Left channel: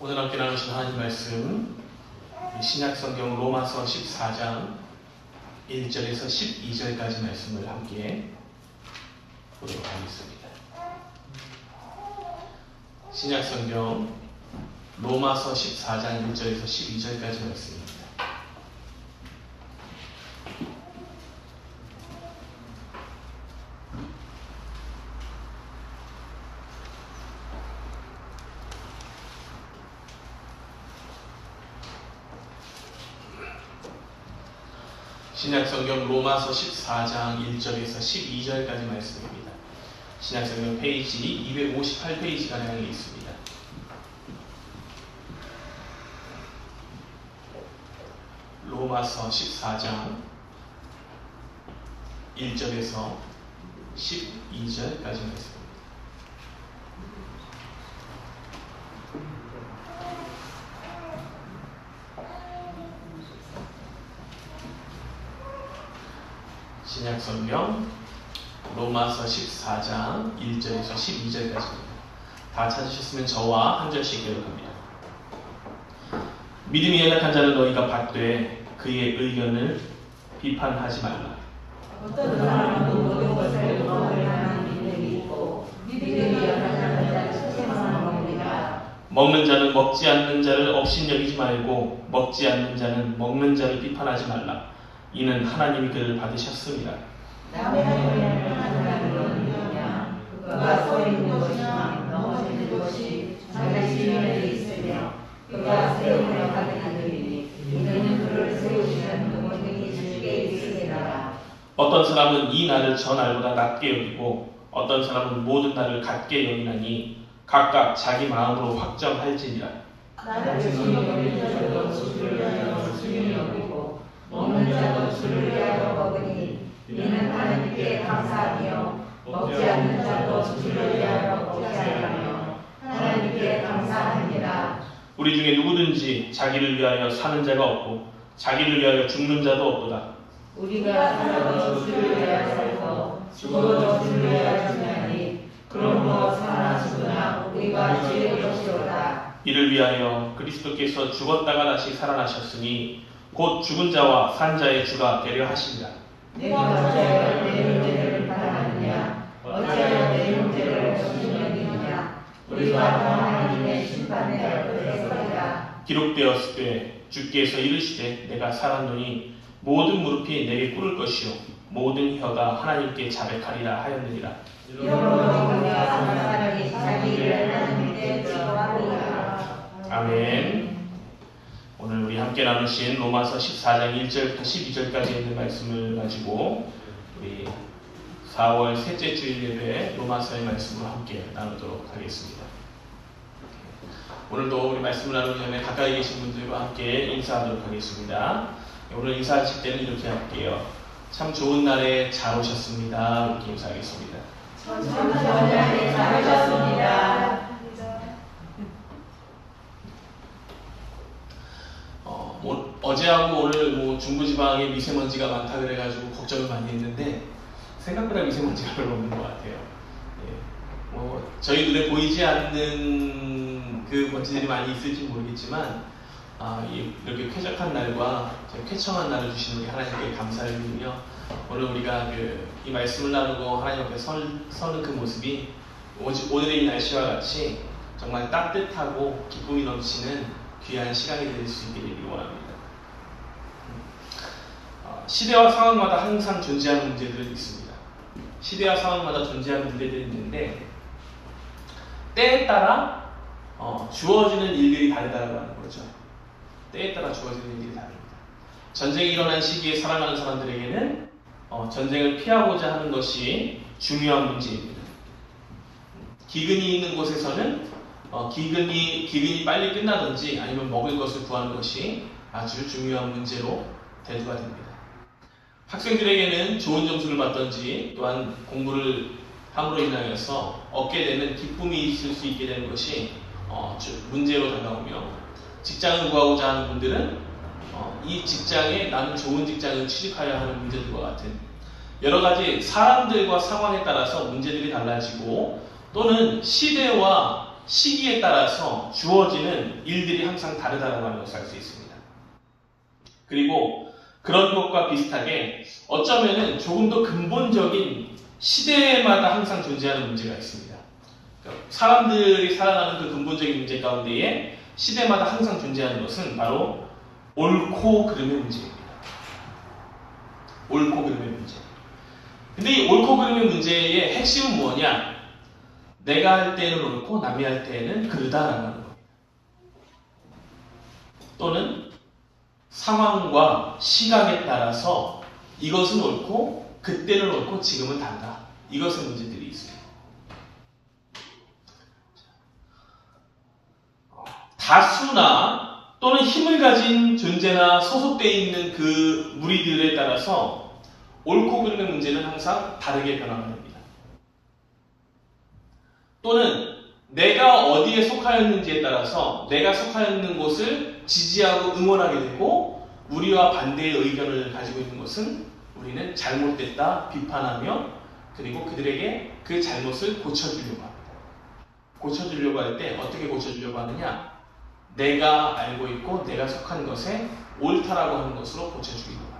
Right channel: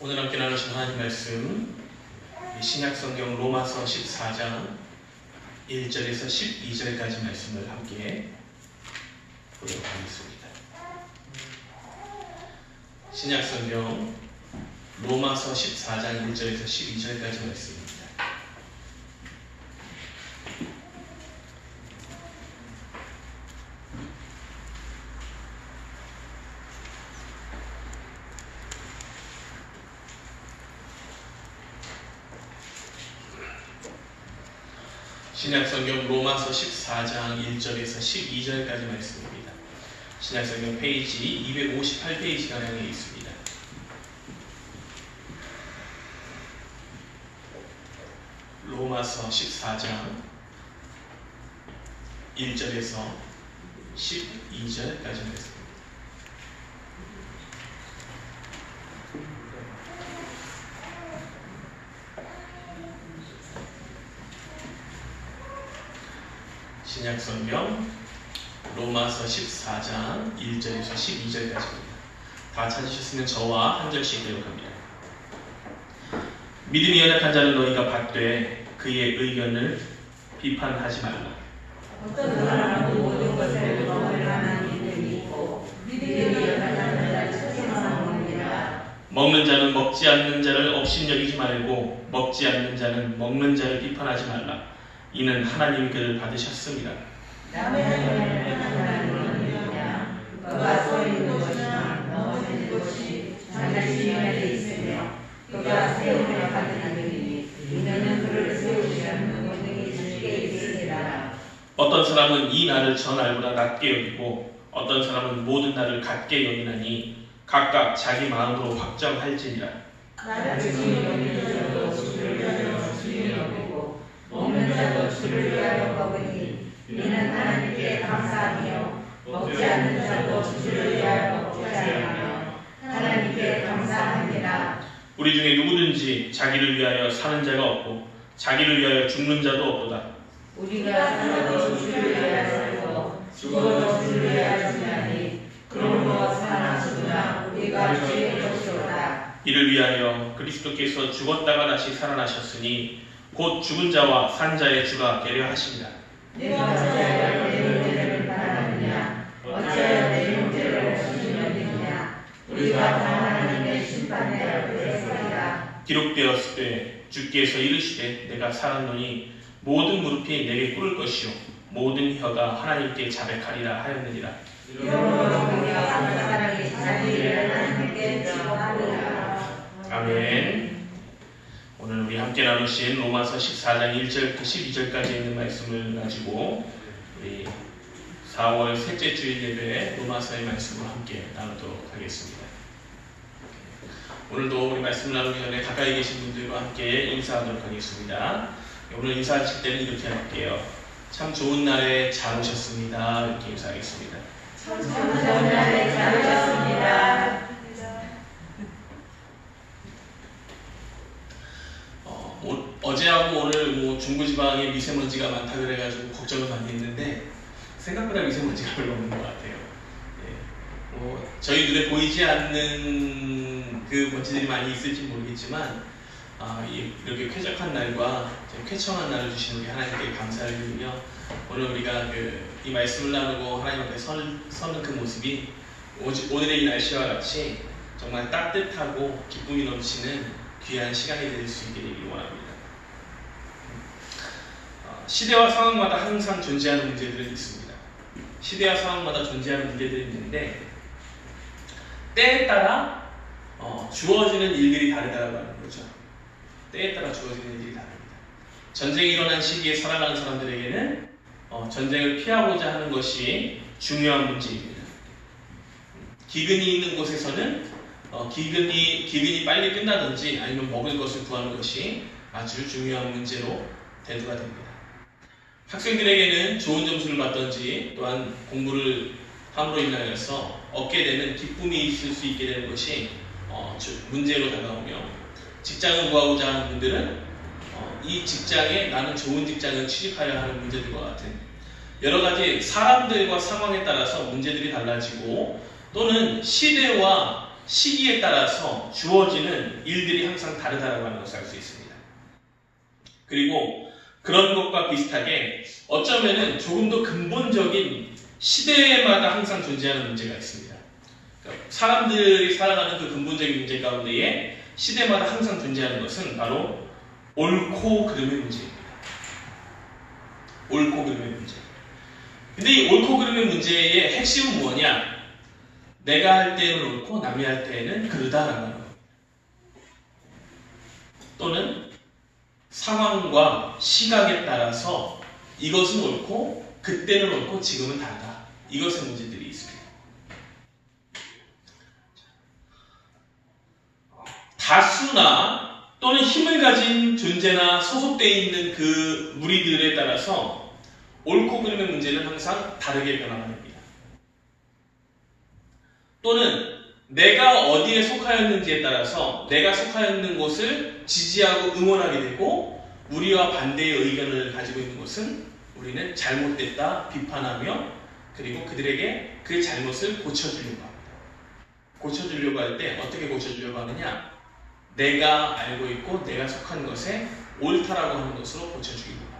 오늘 함께 나누신 하나님 말씀 신약성경 로마서 14장 1절에서 12절까지 말씀을 함께 보도록 하겠습니다. 신약성경 로마서 14장 1절에서 12절까지 말씀입니다. 신약성경 로마서 14장 1절에서 12절까지 말씀입니다. 신약성경 페이지 258페이지가 향해 있습니다. 로마서 14장 1절에서 12절까지 말씀입니다. 신약성경 로마서 14장 1절에서 12절까지입니다. 다 찾으셨으면 저와 한 절씩 기록합니다. 믿음이 연약한 자를 너희가 받되 그의 의견을 비판하지 말라. 어떤 사람은 모든 것을 먹을 만한 믿음이 있고 믿음이 연약한 자를 책망하는 놈이라. 먹는 자는 먹지 않는 자를 업신여기지 말고 먹지 않는 자는 먹는 자를 비판하지 말라. 이는 하나님이 그를 받으셨습니다. 남의 하나님을 하나님은 누구냐? 그가 서 있는 곳이나 넘어진 곳이 자기 지면에 있으며 그가 세움을 받은 이들이니 이는 그를 세우시는 모든 주께 있으리라. 어떤 사람은 이 날을 저 날보다 낮게 여기고 어떤 사람은 모든 날을 같게 여기나니 각각 자기 마음으로 확정할지니라. 나를 주님 여기는 자도 주를 위하여 주님 여기고 먹는 자도 주를 위하여 먹으니 이는 하나님께 감사하며 먹지 않는 자도 주를 위하여 먹지 않으며 하나님께 감사합니다. 우리 중에 누구든지 자기를 위하여 사는 자가 없고 자기를 위하여 죽는 자도 없도다. 우리가 살아도 주를 위하여 살고 죽어도 주를 위하여 죽나니 그러므로 사나 죽으나 우리가 주의 것이로다. 이를 위하여 그리스도께서 죽었다가 다시 살아나셨으니 곧 죽은 자와 산 자의 주가 되려 하시니라. 내가 어찌하여 내 형제를 비판하느냐? 어찌하여 내 형제를 없으시느냐? 우리가 다 하나님의 심판대 앞에 서리라. 기록되었을 때 주께서 이르시되 내가 살았노니 모든 무릎이 내게 꿇을 것이요 모든 혀가 하나님께 자백하리라 하였느니라. 이러므로 우리가 사람이 자기를 하나님께 기도하리라. 아멘. 오늘 우리 함께 나누신 로마서 14장 1절부터 12절까지 있는 말씀을 가지고 우리 4월 셋째 주일 예배 로마서의 말씀을 함께 나누도록 하겠습니다. 오늘도 우리 말씀을 나누기 전에 가까이 계신 분들과 함께 인사하도록 하겠습니다. 오늘 인사하실 때는 이렇게 할게요. 참 좋은 날에 잘 오셨습니다. 이렇게 인사하겠습니다. 참 좋은 날에 잘 오셨습니다. 어제하고 오늘 중부지방에 미세먼지가 많다 그래가지고 걱정을 많이 했는데 생각보다 미세먼지가 별로 없는 것 같아요. 저희 눈에 보이지 않는 그 먼지들이 많이 있을지 모르겠지만 이렇게 쾌적한 날과 쾌청한 날을 주시는 게 하나님께 감사를 드리며 오늘 우리가 이 말씀을 나누고 하나님 앞에 서는 그 모습이 오늘의 이 날씨와 같이 정말 따뜻하고 기쁨이 넘치는 귀한 시간이 될 수 있게 되기를 원합니다. 시대와 상황마다 항상 존재하는 문제들이 있습니다. 시대와 상황마다 존재하는 문제들이 있는데 때에 따라 주어지는 일들이 다르다고 하는 거죠. 때에 따라 주어지는 일들이 다릅니다. 전쟁이 일어난 시기에 살아가는 사람들에게는 전쟁을 피하고자 하는 것이 중요한 문제입니다. 기근이 있는 곳에서는 기근이 빨리 끝나든지 아니면 먹을 것을 구하는 것이 아주 중요한 문제로 대두가 됩니다. 학생들에게는 좋은 점수를 받든지 또한 공부를 함으로 인하여서 얻게 되는 기쁨이 있을 수 있게 되는 것이 문제로 다가오며 직장을 구하고자 하는 분들은 이 직장에 나는 좋은 직장을 취직하여야 하는 문제들과 같은 여러 가지 사람들과 상황에 따라서 문제들이 달라지고 또는 시대와 시기에 따라서 주어지는 일들이 항상 다르다라고 하는 것을 알 수 있습니다. 그리고 그런 것과 비슷하게 어쩌면은 조금 더 근본적인 시대마다 항상 존재하는 문제가 있습니다. 그러니까 사람들이 살아가는 그 근본적인 문제 가운데에 시대마다 항상 존재하는 것은 바로 옳고 그름의 문제입니다. 옳고 그름의 문제. 근데 이 옳고 그름의 문제의 핵심은 뭐냐? 내가 할 때는 옳고 남이 할 때는 그르다라고 하는 것. 또는 상황과 시각에 따라서 이것은 옳고 그때는 옳고 지금은 다르다. 이것의 문제들이 있습니다. 다수나 또는 힘을 가진 존재나 소속되어 있는 그 무리들에 따라서 옳고 그름의 문제는 항상 다르게 변화합니다. 또는 내가 어디에 속하였는지에 따라서 내가 속하였는 곳을 지지하고 응원하게 되고 우리와 반대의 의견을 가지고 있는 것은 우리는 잘못됐다 비판하며 그리고 그들에게 그 잘못을 고쳐주려고 합니다. 고쳐주려고 할 때 어떻게 고쳐주려고 하느냐? 내가 알고 있고 내가 속한 것에 옳다라고 하는 것으로 고쳐주려고 합니다.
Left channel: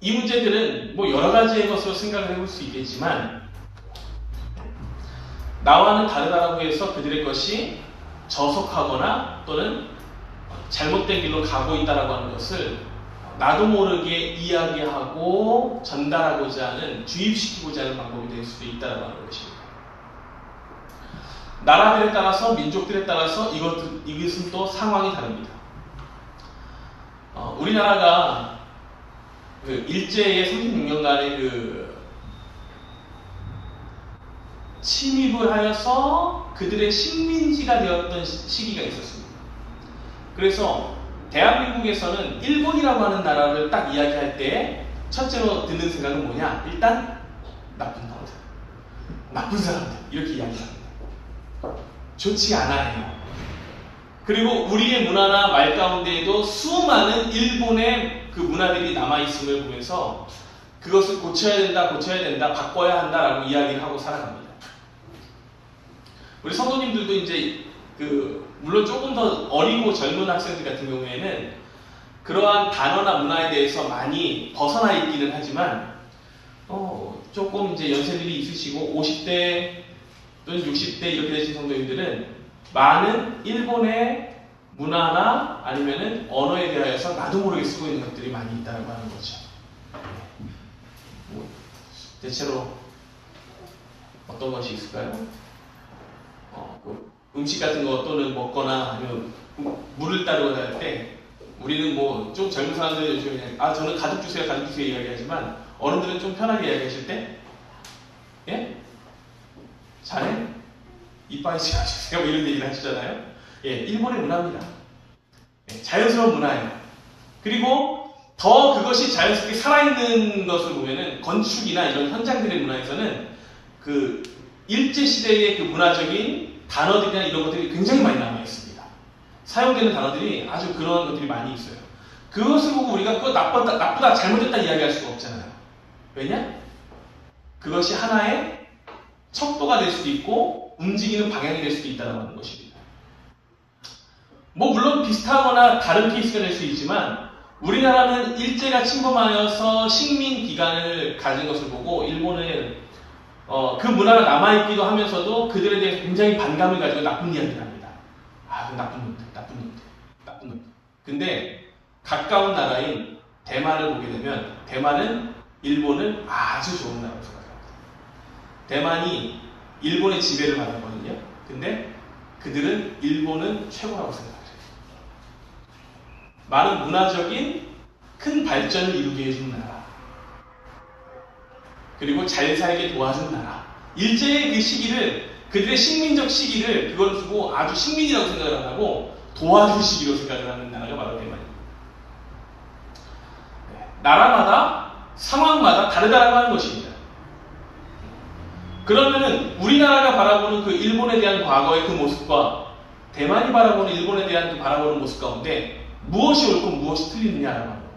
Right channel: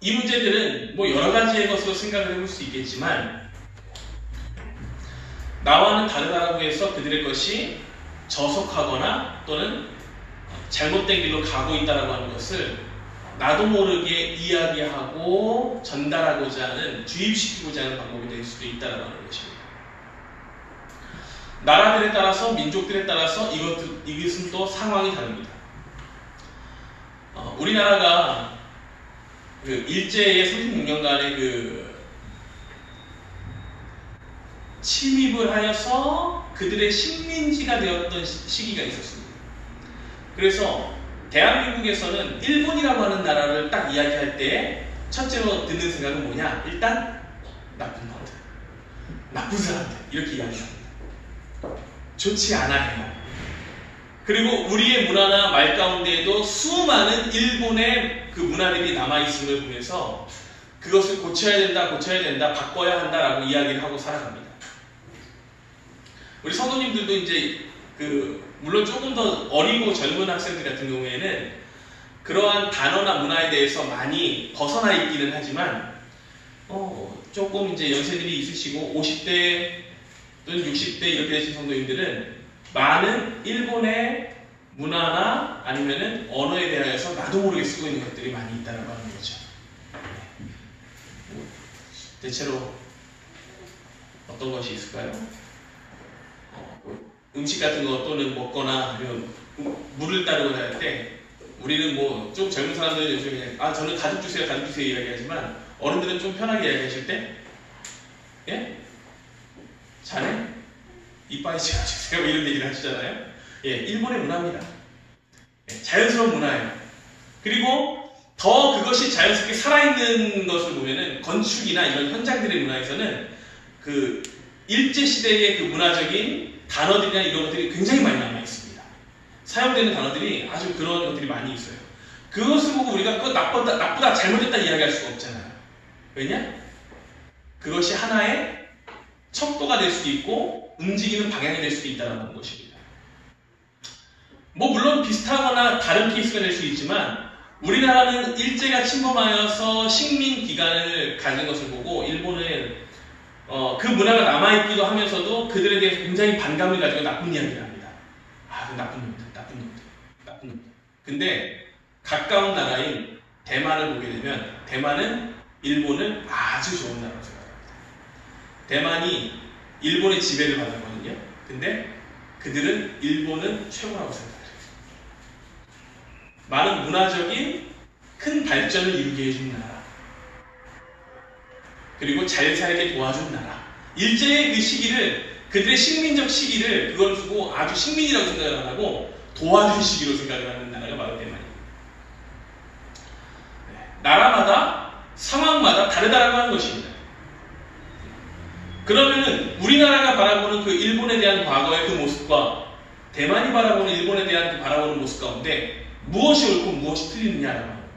이 문제들은 뭐 여러 가지의 것으로 생각을 해볼 수 있겠지만 나와는 다르다라고 해서 그들의 것이 저속하거나 또는 잘못된 길로 가고 있다라고 하는 것을 나도 모르게 이야기하고 전달하고자 하는 주입시키고자 하는 방법이 될 수도 있다라고 하는 것입니다. 나라들에 따라서 민족들에 따라서 이것은 또 상황이 다릅니다. 우리나라가 그 일제의 36년간의 그 침입을 하여서 그들의 식민지가 되었던 시기가 있었습니다. 그래서 대한민국에서는 일본이라고 하는 나라를 딱 이야기할 때 첫째로 드는 생각은 뭐냐? 일단 나쁜 나라들, 나쁜 사람들 이렇게 이야기합니다. 좋지 않아요. 그리고 우리의 문화나 말 가운데에도 수많은 일본의 그 문화들이 남아있음을 보면서 그것을 고쳐야 된다, 바꿔야 한다라고 이야기를 하고 살아갑니다. 우리 성도님들도 이제 물론 조금 더 어리고 젊은 학생들 같은 경우에는 그러한 단어나 문화에 대해서 많이 벗어나 있기는 하지만 조금 이제 연세들이 있으시고 50대 또는 60대 이렇게 되신 성도님들은 많은 일본의 문화나 아니면은 언어에 대하여서 나도 모르게 쓰고 있는 것들이 많이 있다고 하는 거죠. 대체로 어떤 것이 있을까요? 음식 같은 거 또는 먹거나 물을 따르고 할 때 우리는 뭐 좀 젊은 사람들 요즘에 저는 가득 주세요 이야기하지만 어른들은 좀 편하게 이야기하실 때 예? 자네? 이빨이 지어주세요 뭐 이런 얘기를 하시잖아요. 예, 일본의 문화입니다. 예, 자연스러운 문화예요. 그리고 더 그것이 자연스럽게 살아있는 것을 보면은 건축이나 이런 현장들의 문화에서는 그 일제시대의 그 문화적인 단어들이나 이런 것들이 굉장히 많이 남아있습니다. 사용되는 단어들이 아주 그런 것들이 많이 있어요. 그것을 보고 우리가 그거 나쁘다, 잘못됐다 이야기할 수가 없잖아요. 왜냐? 그것이 하나의 척도가 될 수도 있고 움직이는 방향이 될 수도 있다는 것입니다. 뭐 물론 비슷하거나 다른 케이스가 될 수 있지만 우리나라는 일제가 침범하여서 식민 기간을 가진 것을 보고 일본은 그 문화가 남아있기도 하면서도 그들에 대해서 굉장히 반감을 가지고 나쁜 이야기를 합니다. 나쁜 놈들. 근데 가까운 나라인 대만을 보게 되면 대만은 일본을 아주 좋은 나라로 생각합니다. 대만이 일본의 지배를 받았거든요. 근데 그들은 일본은 최고라고 생각해요. 많은 문화적인 큰 발전을 이루게 해준 나라. 그리고 잘 살게 도와준 나라. 일제의 그 시기를, 그들의 식민적 시기를 그걸 두고 아주 식민이라고 생각을 안 하고 도와준 시기로 생각을 하는 나라가 바로 대만입니다. 나라마다 상황마다 다르다라고 하는 것입니다. 그러면은 우리나라가 바라보는 그 일본에 대한 과거의 그 모습과 대만이 바라보는 일본에 대한 그 바라보는 모습 가운데 무엇이 옳고 무엇이 틀리느냐라고 합니다.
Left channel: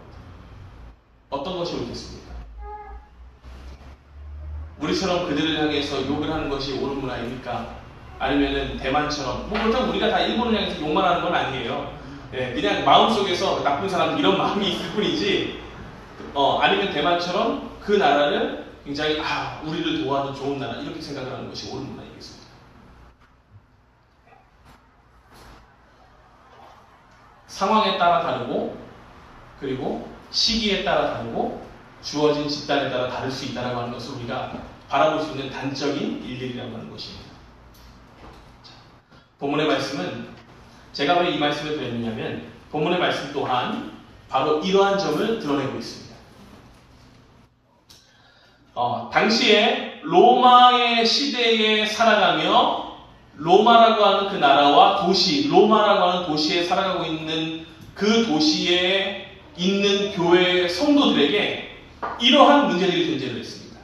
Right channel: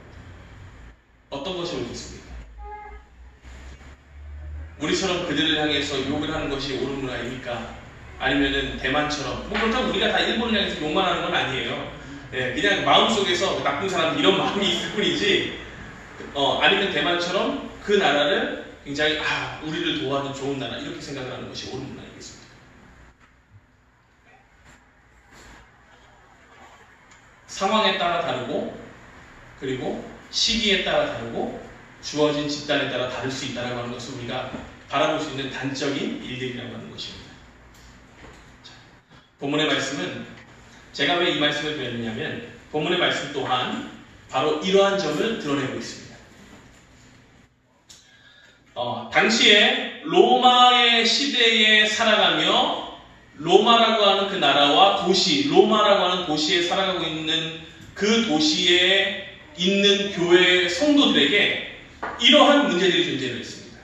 어떤 것이 옳겠습니까? 우리처럼 그들을 향해서 욕을 하는 것이 옳은 문화입니까? 아니면은 대만처럼 뭐 그렇다고 우리가 다 일본을 향해서 욕만 하는 건 아니에요. 예, 그냥 마음속에서 나쁜 사람 이런 마음이 있을 뿐이지 아니면 대만처럼 그 나라를 굉장히 우리를 도와준 좋은 나라 이렇게 생각을 하는 것이 옳은 문화이겠습니다. 상황에 따라 다르고 그리고 시기에 따라 다르고 주어진 집단에 따라 다를 수 있다고 하는 것을 우리가 바라볼 수 있는 단적인 일들이라고 하는 것입니다. 자, 본문의 말씀은 제가 왜 이 말씀을 드렸느냐면 본문의 말씀 또한 바로 이러한 점을 드러내고 있습니다. 당시에 로마의 시대에 살아가며 로마라고 하는 그 나라와 도시, 로마라고 하는 도시에 살아가고 있는 그 도시에 있는 교회 성도들에게 이러한 문제들이 존재를 했습니다.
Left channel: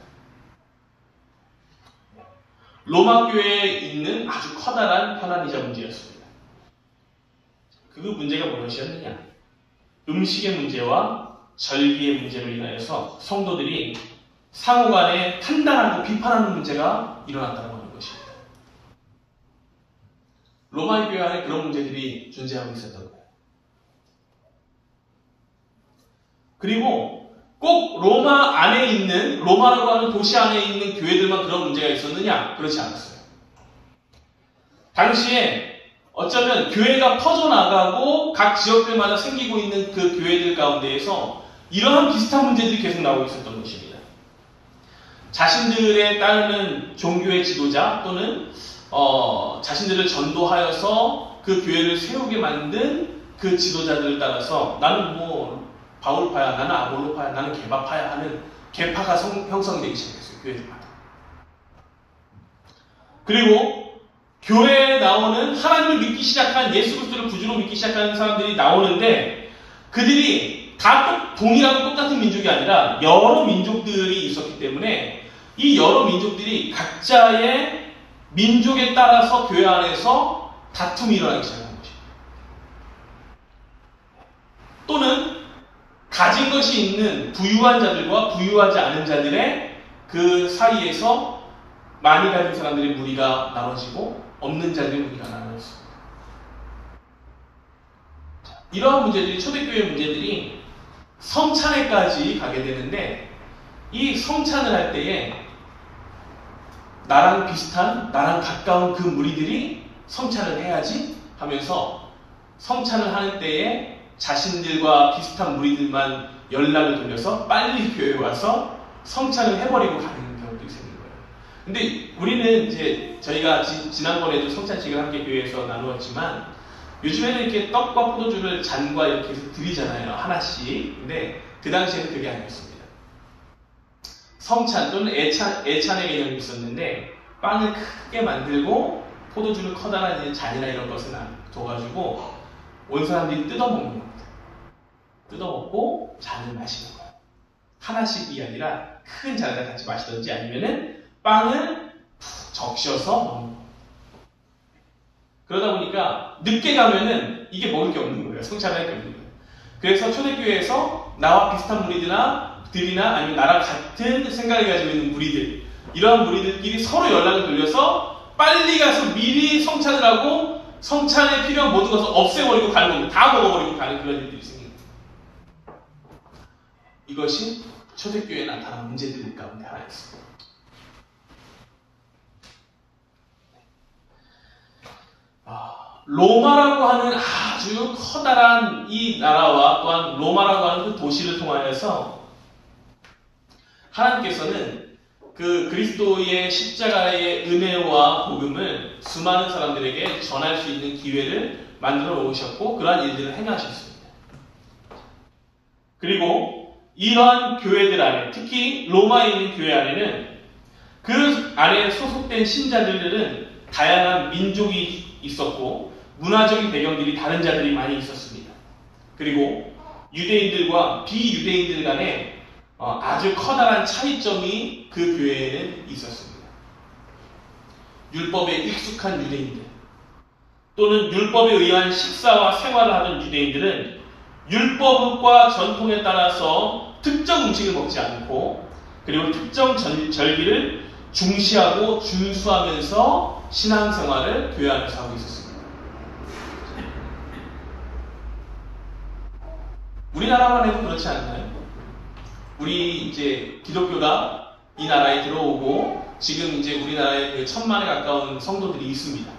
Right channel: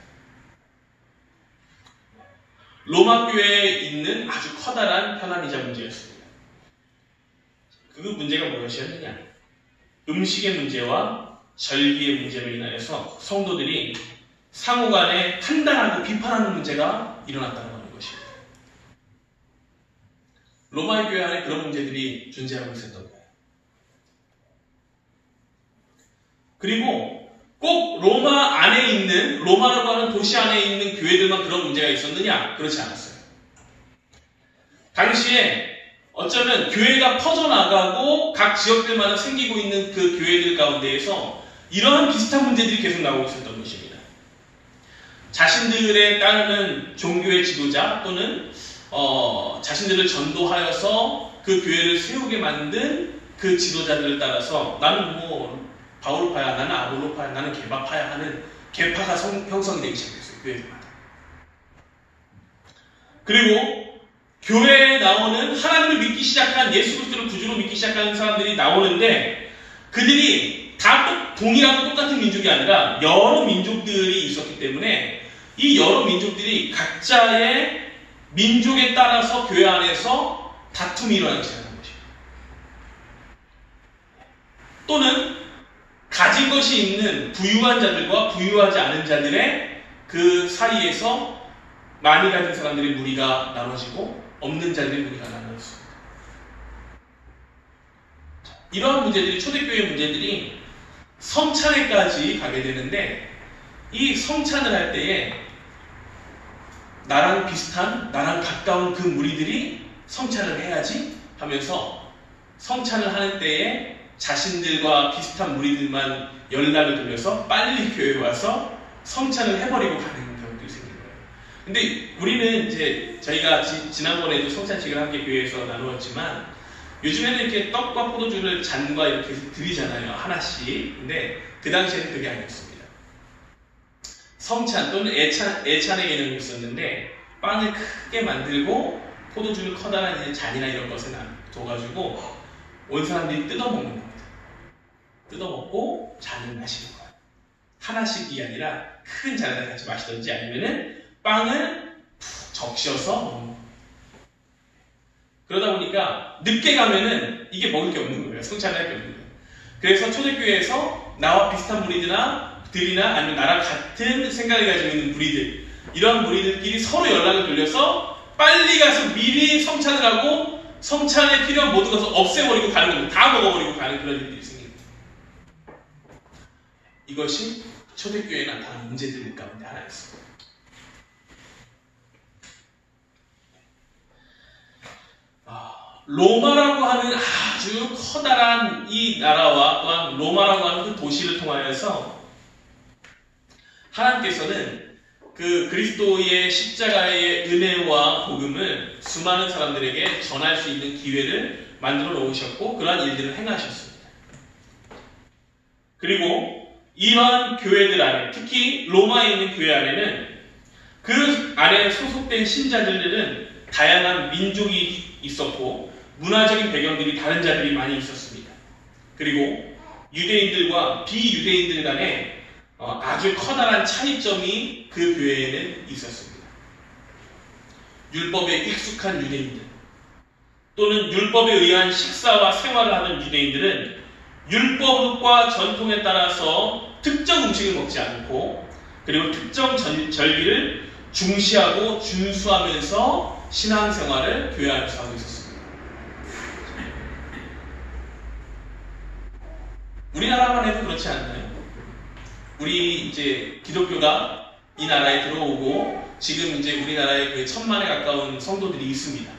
로마 교회에 있는 아주 커다란 편함이자 문제였습니다. 그 문제가 무엇이었느냐? 음식의 문제와 절기의 문제로 인하여서 성도들이 상호간에 판단하고 비판하는 문제가 일어났다고 하는 것입니다. 로마 교회 안에 그런 문제들이 존재하고 있었던 거예요. 그리고 꼭 로마 안에 있는, 로마라고 하는 도시 안에 있는 교회들만 그런 문제가 있었느냐? 그렇지 않았어요. 당시에 어쩌면 교회가 퍼져나가고 각 지역들마다 생기고 있는 그 교회들 가운데에서 이러한 비슷한 문제들이 계속 나오고 있었던 것입니다. 자신들에 따르는 종교의 지도자 또는 자신들을 전도하여서 그 교회를 세우게 만든 그 지도자들을 따라서 나는 뭐 바울파야, 나는 아볼로파야, 나는 개바파야 하는 개파가 형성이 되기 시작했어요. 교회들마다. 그리고 교회에 나오는 하나님을 믿기 시작한 예수 그리스도를 구주로 믿기 시작하는 사람들이 나오는데 그들이 다 동일하고 똑같은 민족이 아니라 여러 민족들이 있었기 때문에 이 여러 민족들이 각자의 민족에 따라서 교회 안에서 다툼이 일어나기 시작하는 것입니다. 또는 가진 것이 있는 부유한 자들과 부유하지 않은 자들의 그 사이에서 많이 가진 사람들의 무리가 나눠지고 없는 자들의 무리가 나눠졌습니다. 이러한 문제들이 초대교회 문제들이 성찬회까지 가게 되는데 이 성찬을 할 때에 나랑 비슷한, 나랑 가까운 그 무리들이 성찬을 해야지 하면서 성찬을 하는 때에 자신들과 비슷한 무리들만 연락을 돌려서 빨리 교회에 와서 성찬을 해버리고 가는 경우도 생긴 거예요. 근데 우리는 이제 저희가 지난번에도 성찬식을 함께 교회에서 나누었지만 요즘에는 이렇게 떡과 포도주를 잔과 이렇게 드리잖아요. 하나씩. 근데 그 당시에는 그게 아니었습니다. 성찬 또는 애찬의 개념이 있었는데 빵을 크게 만들고 포도주를 커다란 잔이나 이런 것에 놔둬가지고 온 사람들이 뜯어먹는 겁니다. 뜯어먹고 잔을 마시는 거예요. 하나씩이 아니라 큰 잔에다 같이 마시든지 아니면은 빵을 푹 적셔서 먹는 거예요. 그러다 보니까 늦게 가면은 이게 먹을 게 없는 거예요. 성찬을 할 게 없는 거예요. 그래서 초대교회에서 나와 비슷한 무리들이나 아니면 나랑 같은 생각을 가지고 있는 무리들, 이러한 무리들끼리 서로 연락을 돌려서 빨리 가서 미리 성찬을 하고 성찬에 필요한 모든 것을 없애버리고 가는 겁니다. 다 먹어버리고 가는 그런 일들이 있습니다. 이것이 초대교회에 나타난 문제들 가운데 하나였습니다. 로마라고 하는 아주 커다란 이 나라와 또한 로마라고 하는 그 도시를 통하여서 하나님께서는 그 그리스도의 십자가의 은혜와 복음을 수많은 사람들에게 전할 수 있는 기회를 만들어 놓으셨고 그러한 일들을 행하셨습니다. 그리고 이러한 교회들 안에, 특히 로마에 있는 교회 안에는 그 안에 소속된 신자들은 다양한 민족이 있었고 문화적인 배경들이 다른 자들이 많이 있었습니다. 그리고 유대인들과 비유대인들 간에 아주 커다란 차이점이 그 교회에는 있었습니다. 율법에 익숙한 유대인들 또는 율법에 의한 식사와 생활을 하는 유대인들은 율법과 전통에 따라서 특정 음식을 먹지 않고 그리고 특정 절기를 중시하고 준수하면서 신앙생활을 교회 안에서 하고 있었습니다. 우리나라만 해도 그렇지 않나요? 우리 이제 기독교가 이 나라에 들어오고 지금 이제 우리나라에 그 1000만에 가까운 성도들이 있습니다.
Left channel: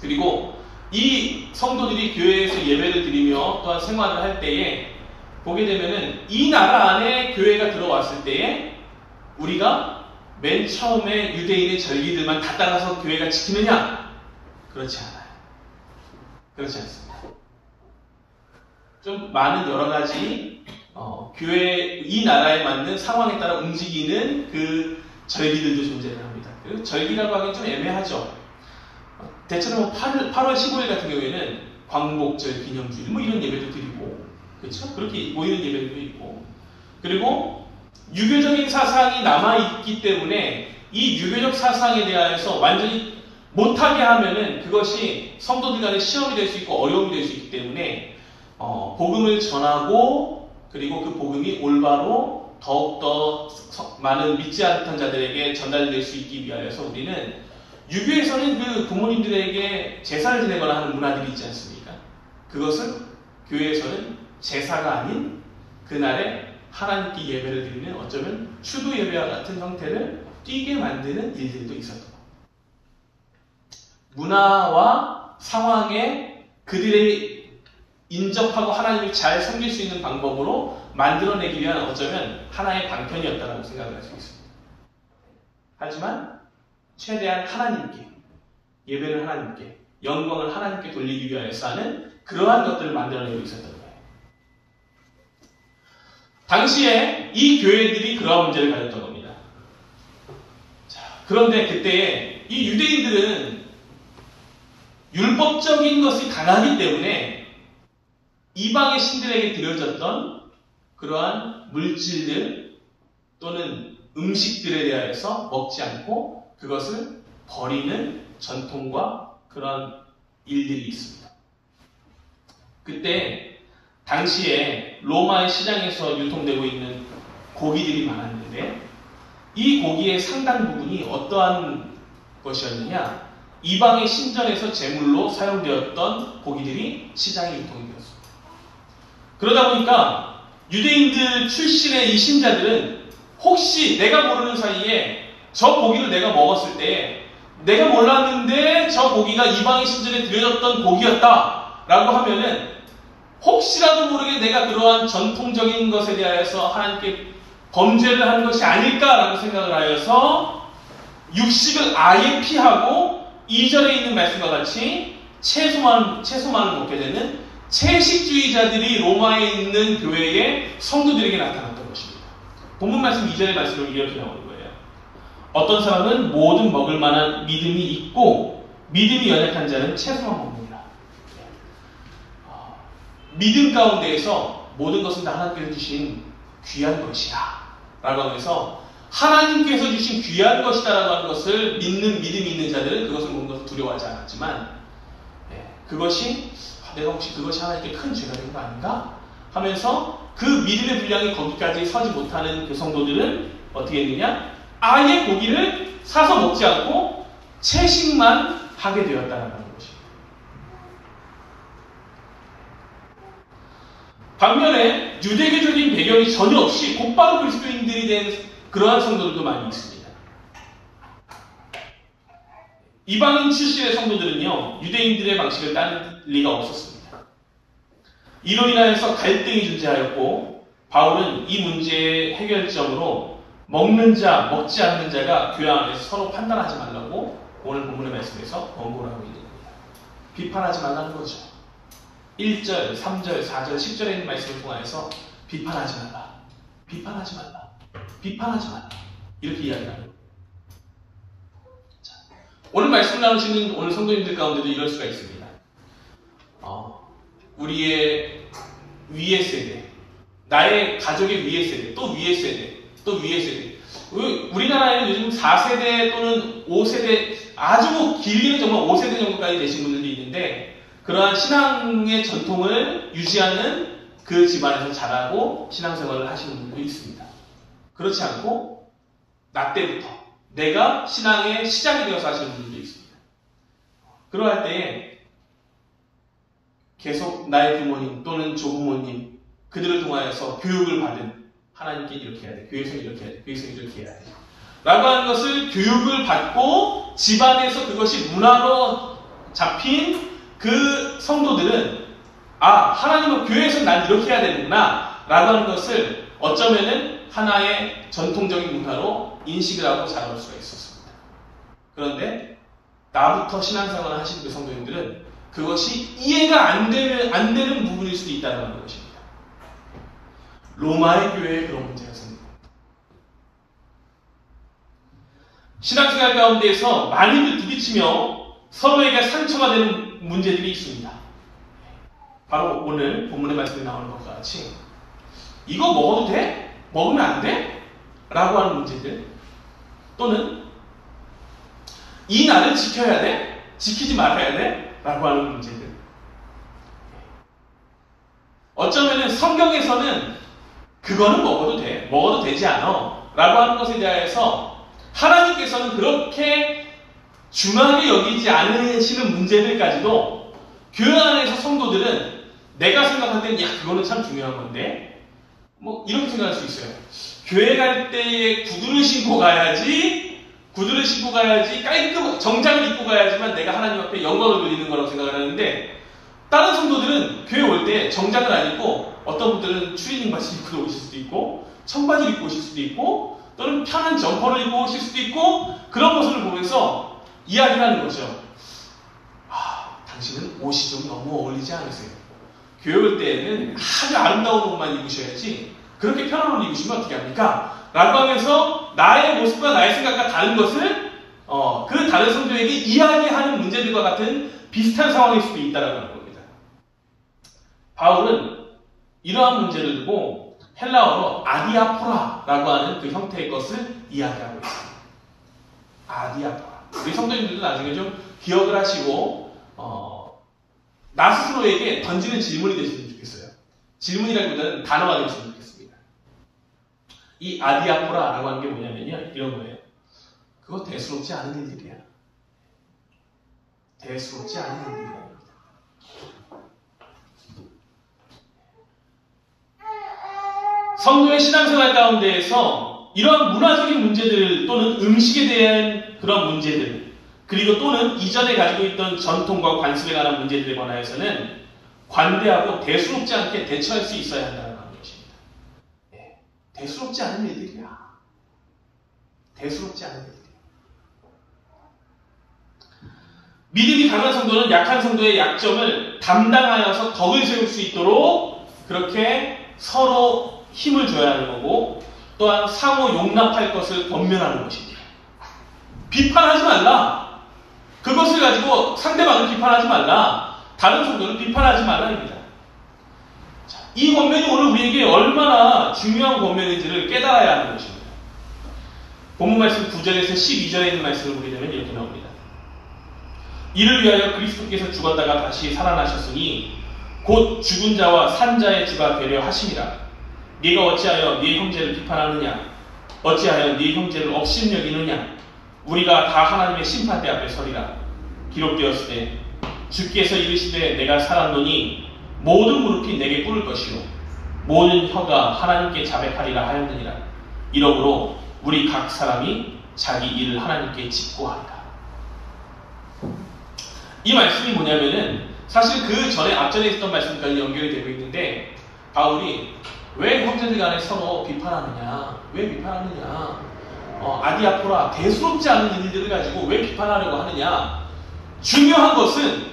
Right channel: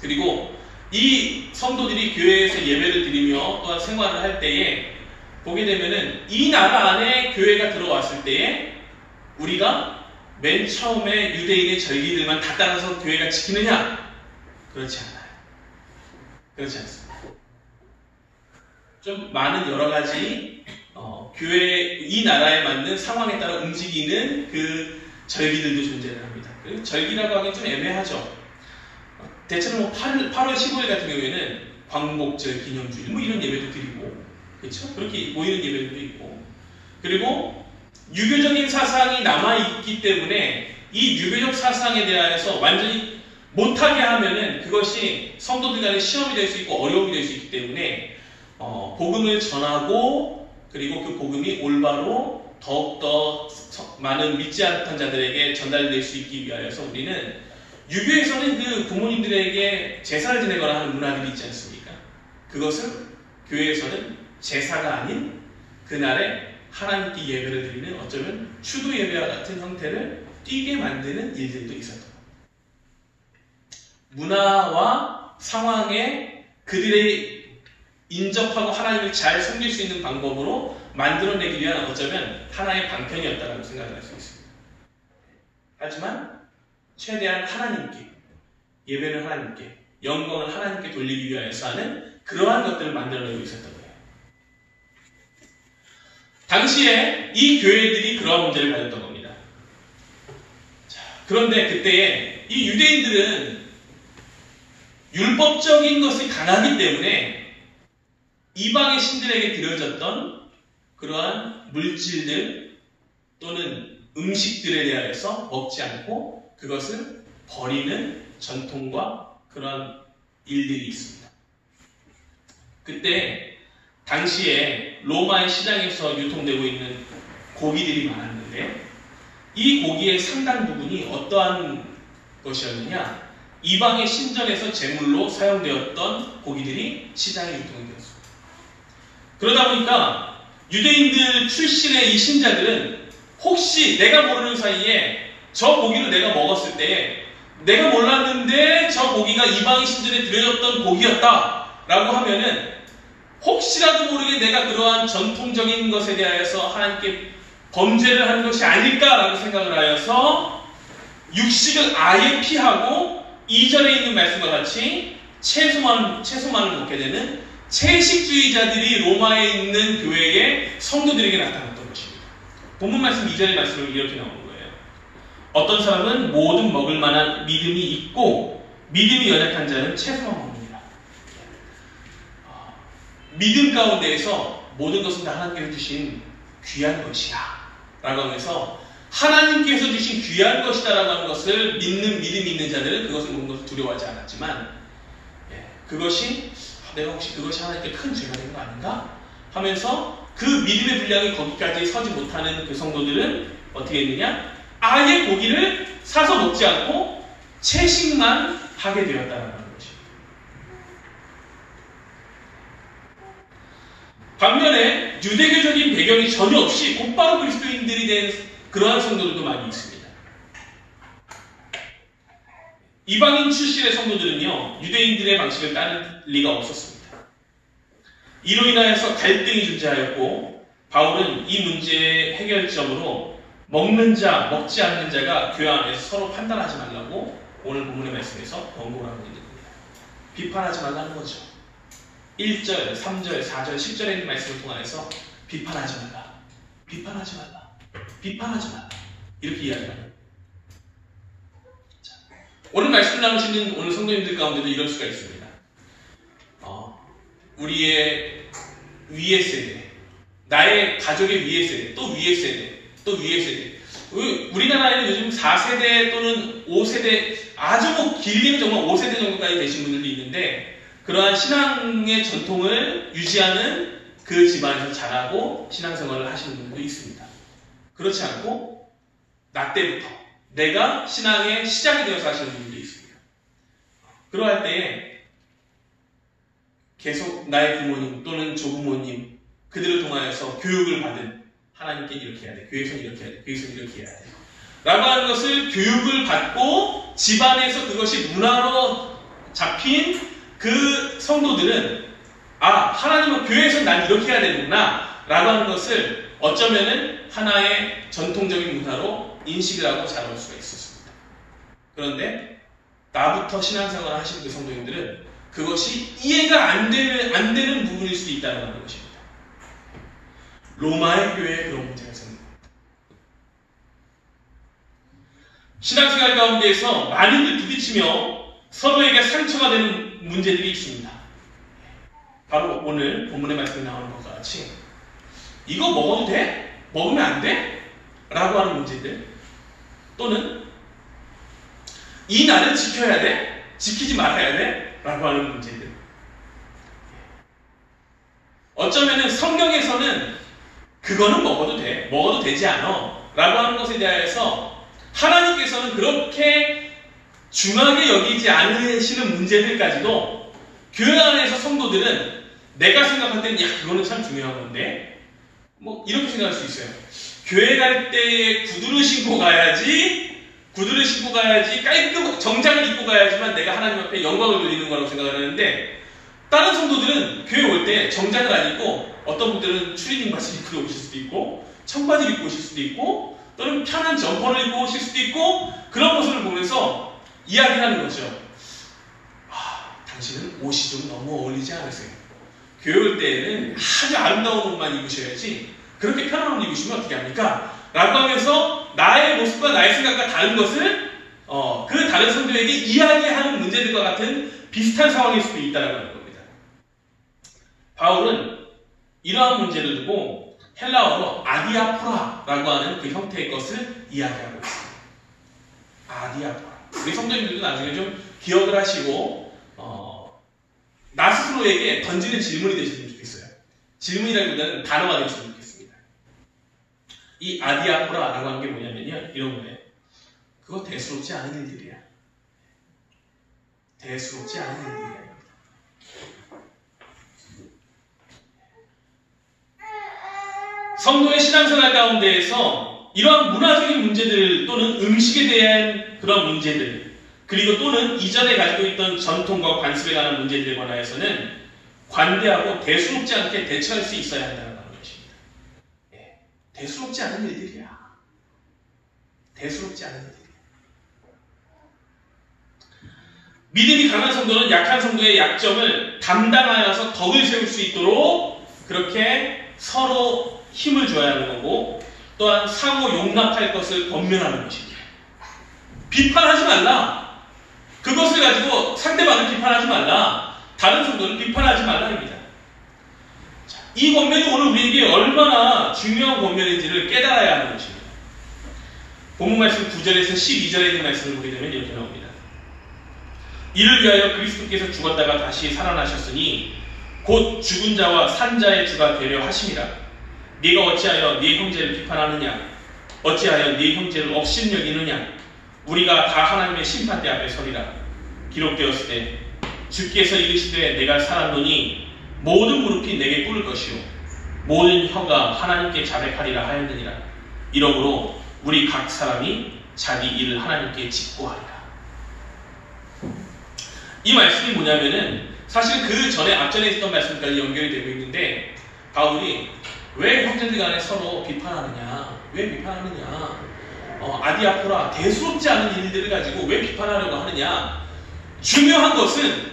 그리고 이 성도들이 교회에서 예배를 드리며 또한 생활을 할 때에 보게 되면은 이 나라 안에 교회가 들어왔을 때에 우리가 맨 처음에 유대인의 절기들만 다 따라서 교회가 지키느냐? 그렇지 않아요. 그렇지 않습니다. 좀 많은 여러 가지 교회 이 나라에 맞는 상황에 따라 움직이는 그 절기들도 존재를 합니다. 그리고 절기라고 하기엔 좀 애매하죠. 대체로 8월 15일 같은 경우에는 광복절 기념주일 뭐 이런 예배도 드리고 그렇죠? 그렇게 모이는 예배도 있고 그리고 유교적인 사상이 남아있기 때문에 이 유교적 사상에 대해서 완전히 못하게 하면은 그것이 성도들 간의 시험이 될 수 있고 어려움이 될 수 있기 때문에 복음을 전하고 그리고 그 복음이 올바로 더욱더 많은 믿지 않던 자들에게 전달될 수 있기 위하여서 우리는 유교에서는 그 부모님들에게 제사를 지내거나 하는 문화들이 있지 않습니까? 그것은 교회에서는 제사가 아닌 그날에 하나님께 예배를 드리는 어쩌면 추도 예배와 같은 형태를 띠게 만드는 일들도 있었던 문화와 상황에 그들의 인접하고 하나님을 잘 섬길 수 있는 방법으로 만들어내기 위한 어쩌면 하나의 방편이었다고 생각을 할 수 있습니다. 하지만 최대한 하나님께 예배를 하나님께 영광을 하나님께 돌리기 위하여서 하는 그러한 것들을 만들어내고 있었던 거예요. 당시에 이 교회들이 그러한 문제를 가졌던 겁니다. 자, 그런데 그때에 이 유대인들은 율법적인 것이 강하기 때문에 이방의 신들에게 드려졌던 그러한 물질들 또는 음식들에 대하여서 먹지 않고 그것을 버리는 전통과 그러한 일들이 있습니다. 그때 당시에 로마의 시장에서 유통되고 있는 고기들이 많았는데 이 고기의 상당 부분이 어떠한 것이었느냐? 이방의 신전에서 제물로 사용되었던 고기들이 시장에 유통이 되었습니다. 그러다 보니까 유대인들 출신의 이 신자들은 혹시 내가 모르는 사이에 저 고기를 내가 먹었을 때 내가 몰랐는데 저 고기가 이방의 신전에 드려졌던 고기였다 라고 하면은 혹시라도 모르게 내가 그러한 전통적인 것에 대하여서 하나님께 범죄를 한 것이 아닐까라고 생각을 하여서 육식을 아예 피하고 이전에 있는 말씀과 같이 채소만을 먹게 되는 채식주의자들이 로마에 있는 교회의 성도들에게 나타났던 것입니다. 본문 말씀 2절의 말씀으로 이렇게 나오는 거예요. 어떤 사람은 모든 먹을 만한 믿음이 있고 믿음이 연약한 자는 채소만 먹느니라. 믿음 가운데에서 모든 것은 다 하나님께서 주신 귀한 것이야 라고 하면서 하나님께서 주신 귀한 것이다 라고 하는 것을 믿는 믿음이 있는 자들은 그것을 먹는 것을 두려워하지 않았지만 그것이 내가 혹시 그것이 하나님께 큰 죄가 된 거 아닌가? 하면서 그 믿음의 분량이 거기까지 서지 못하는 그 성도들은 어떻게 했느냐? 아예 고기를 사서 먹지 않고 채식만 하게 되었다는 것이. 반면에 유대교적인 배경이 전혀 없이 곧바로 그리스도인들이 된 그러한 성도들도 많이 있습니다. 이방인 출신의 성도들은요, 유대인들의 방식을 따를 리가 없었습니다. 이로 인하여서 갈등이 존재하였고, 바울은 이 문제의 해결점으로 먹는 자, 먹지 않는 자가 교회 안에서 서로 판단하지 말라고 오늘 본문의 말씀에서 권고를 하고 있는 겁니다. 비판하지 말라는 거죠. 1절, 3절, 4절, 10절에 있는 말씀을 통해서 비판하지 말라. 비판하지 말라. 비판하지 말라. 이렇게 이야기합니다. 오늘 말씀을 나누시는 오늘 성도님들 가운데도 이럴 수가 있습니다. 우리의 위의 세대, 나의 가족의 위의 세대, 또 위의 세대, 또 위의 세대. 우리나라에는 요즘 4세대 또는 5세대, 아주 길게는 정말 5세대 정도까지 되신 분들도 있는데 그러한 신앙의 전통을 유지하는 그 집안에서 자라고 신앙생활을 하시는 분들도 있습니다. 그렇지 않고 나 때부터 내가 신앙의 시작이 되어서 하시는 분들도 있습니다. 그러할 때에 계속 나의 부모님 또는 조부모님 그들을 통하여서 교육을 받은 하나님께 이렇게 해야 돼. 교회에서는 이렇게 해야 돼. 교회에서는 이렇게 해야 돼. 라고 하는 것을 교육을 받고 집안에서 그것이 문화로 잡힌 그 성도들은 하나님은 교회에서 난 이렇게 해야 되는구나 라고 하는 것을 어쩌면은 하나의 전통적인 문화로 인식을 하고 자라올 수가 있었습니다. 그런데 나부터 신앙생활을 하시는 그 성도님들은 그것이 이해가 안 되는 부분일 수도 있다는 것입니다. 로마의 교회에 그런 문제가 생깁니다. 신앙생활 가운데에서 많이들 부딪히며 서로에게 상처가 되는 문제들이 있습니다. 바로 오늘 본문의 말씀이 나오는 것과 같이 이거 먹어도 돼? 먹으면 안 돼? 라고 하는 문제들, 또는 이 날을 지켜야 돼? 지키지 말아야 돼? 라고 하는 문제들. 어쩌면은 성경에서는 그거는 먹어도 돼, 먹어도 되지 않아 라고 하는 것에 대해서 하나님께서는 그렇게 중하게 여기지 않으시는 문제들까지도 교회 안에서 성도들은 내가 생각할 때는 그거는 참 중요한 건데 이렇게 생각할 수 있어요. 교회 갈 때 구두를 신고 가야지, 깔끔 정장을 입고 가야지만 내가 하나님 앞에 영광을 돌리는 거라고 생각을 하는데, 다른 성도들은 교회 올 때 정장을 안 입고 어떤 분들은 추리닝 바지 입고 오실 수도 있고 청바지를 입고 오실 수도 있고 또는 편한 점퍼를 입고 오실 수도 있고, 그런 모습을 보면서 이야기를 하는 거죠. 당신은 옷이 좀 너무 어울리지 않으세요? 교회 올 때에는 아주 아름다운 옷만 입으셔야지 그렇게 편한 옷 입으시면 어떻게 합니까? 라고 하면서 나의 모습과 나의 생각과 다른 것을 그 다른 성도에게 이야기하는 문제들과 같은 비슷한 상황일 수도 있다고 하는 겁니다. 바울은 이러한 문제를 두고 헬라어로 아디아포라라고 하는 그 형태의 것을 이야기하고 있습니다. 아디아포라. 우리 성도님들도 나중에 좀 기억을 하시고 나 스스로에게 던지는 질문이 되셨으면 좋겠어요. 질문이라기보다는 단어가 되셨으면 좋겠습니다. 이 아디아포라라고 하는 게 뭐냐면요, 이런 거예요. 그거 대수롭지 않은 일들이야. 대수롭지 않은 일들이야. 성도의 신앙생활 가운데에서 이러한 문화적인 문제들 또는 음식에 대한 그런 문제들, 그리고 또는 이전에 가지고 있던 전통과 관습에 관한 문제들에 관하여서는 관대하고 대수롭지 않게 대처할 수 있어야 한다는 것입니다. 대수롭지 않은 일들이야. 대수롭지 않은 일들이야. 믿음이 강한 성도는 약한 성도의 약점을 담당하여서 덕을 세울 수 있도록 그렇게 서로 힘을 줘야 하는 거고, 또한 상호 용납할 것을 권면하는 것입니다. 비판하지 말라. 그것을 가지고 상대방을 비판하지 말라. 다른 성도를 비판하지 말라입니다. 이 권면이 오늘 우리에게 얼마나 중요한 권면인지를 깨달아야 하는 것입니다. 본문 말씀 9절에서 12절에 있는 말씀을 보게 되면 이렇게 나옵니다. 이를 위하여 그리스도께서 죽었다가 다시 살아나셨으니 곧 죽은 자와 산 자의 주가 되려 하심이라. 네가 어찌하여 네 형제를 비판하느냐? 어찌하여 네 형제를 업신여기느냐? 우리가 다 하나님의 심판대 앞에 서리라. 기록되었을 때 주께서 이르시되 내가 살았노니 모든 무릎이 내게 꿇을 것이요 모든 혀가 하나님께 자백하리라 하였느니라. 이러므로 우리 각 사람이 자기 일을 하나님께 직고하리라. 이 말씀이 뭐냐면은 사실 그 전에 앞전에 있었던 말씀까지 연결이 되고 있는데, 바울이 왜 형제들 간에 서로 비판하느냐? 왜 비판하느냐? 아디아포라, 대수롭지 않은 일들을 가지고 왜 비판하려고 하느냐? 중요한 것은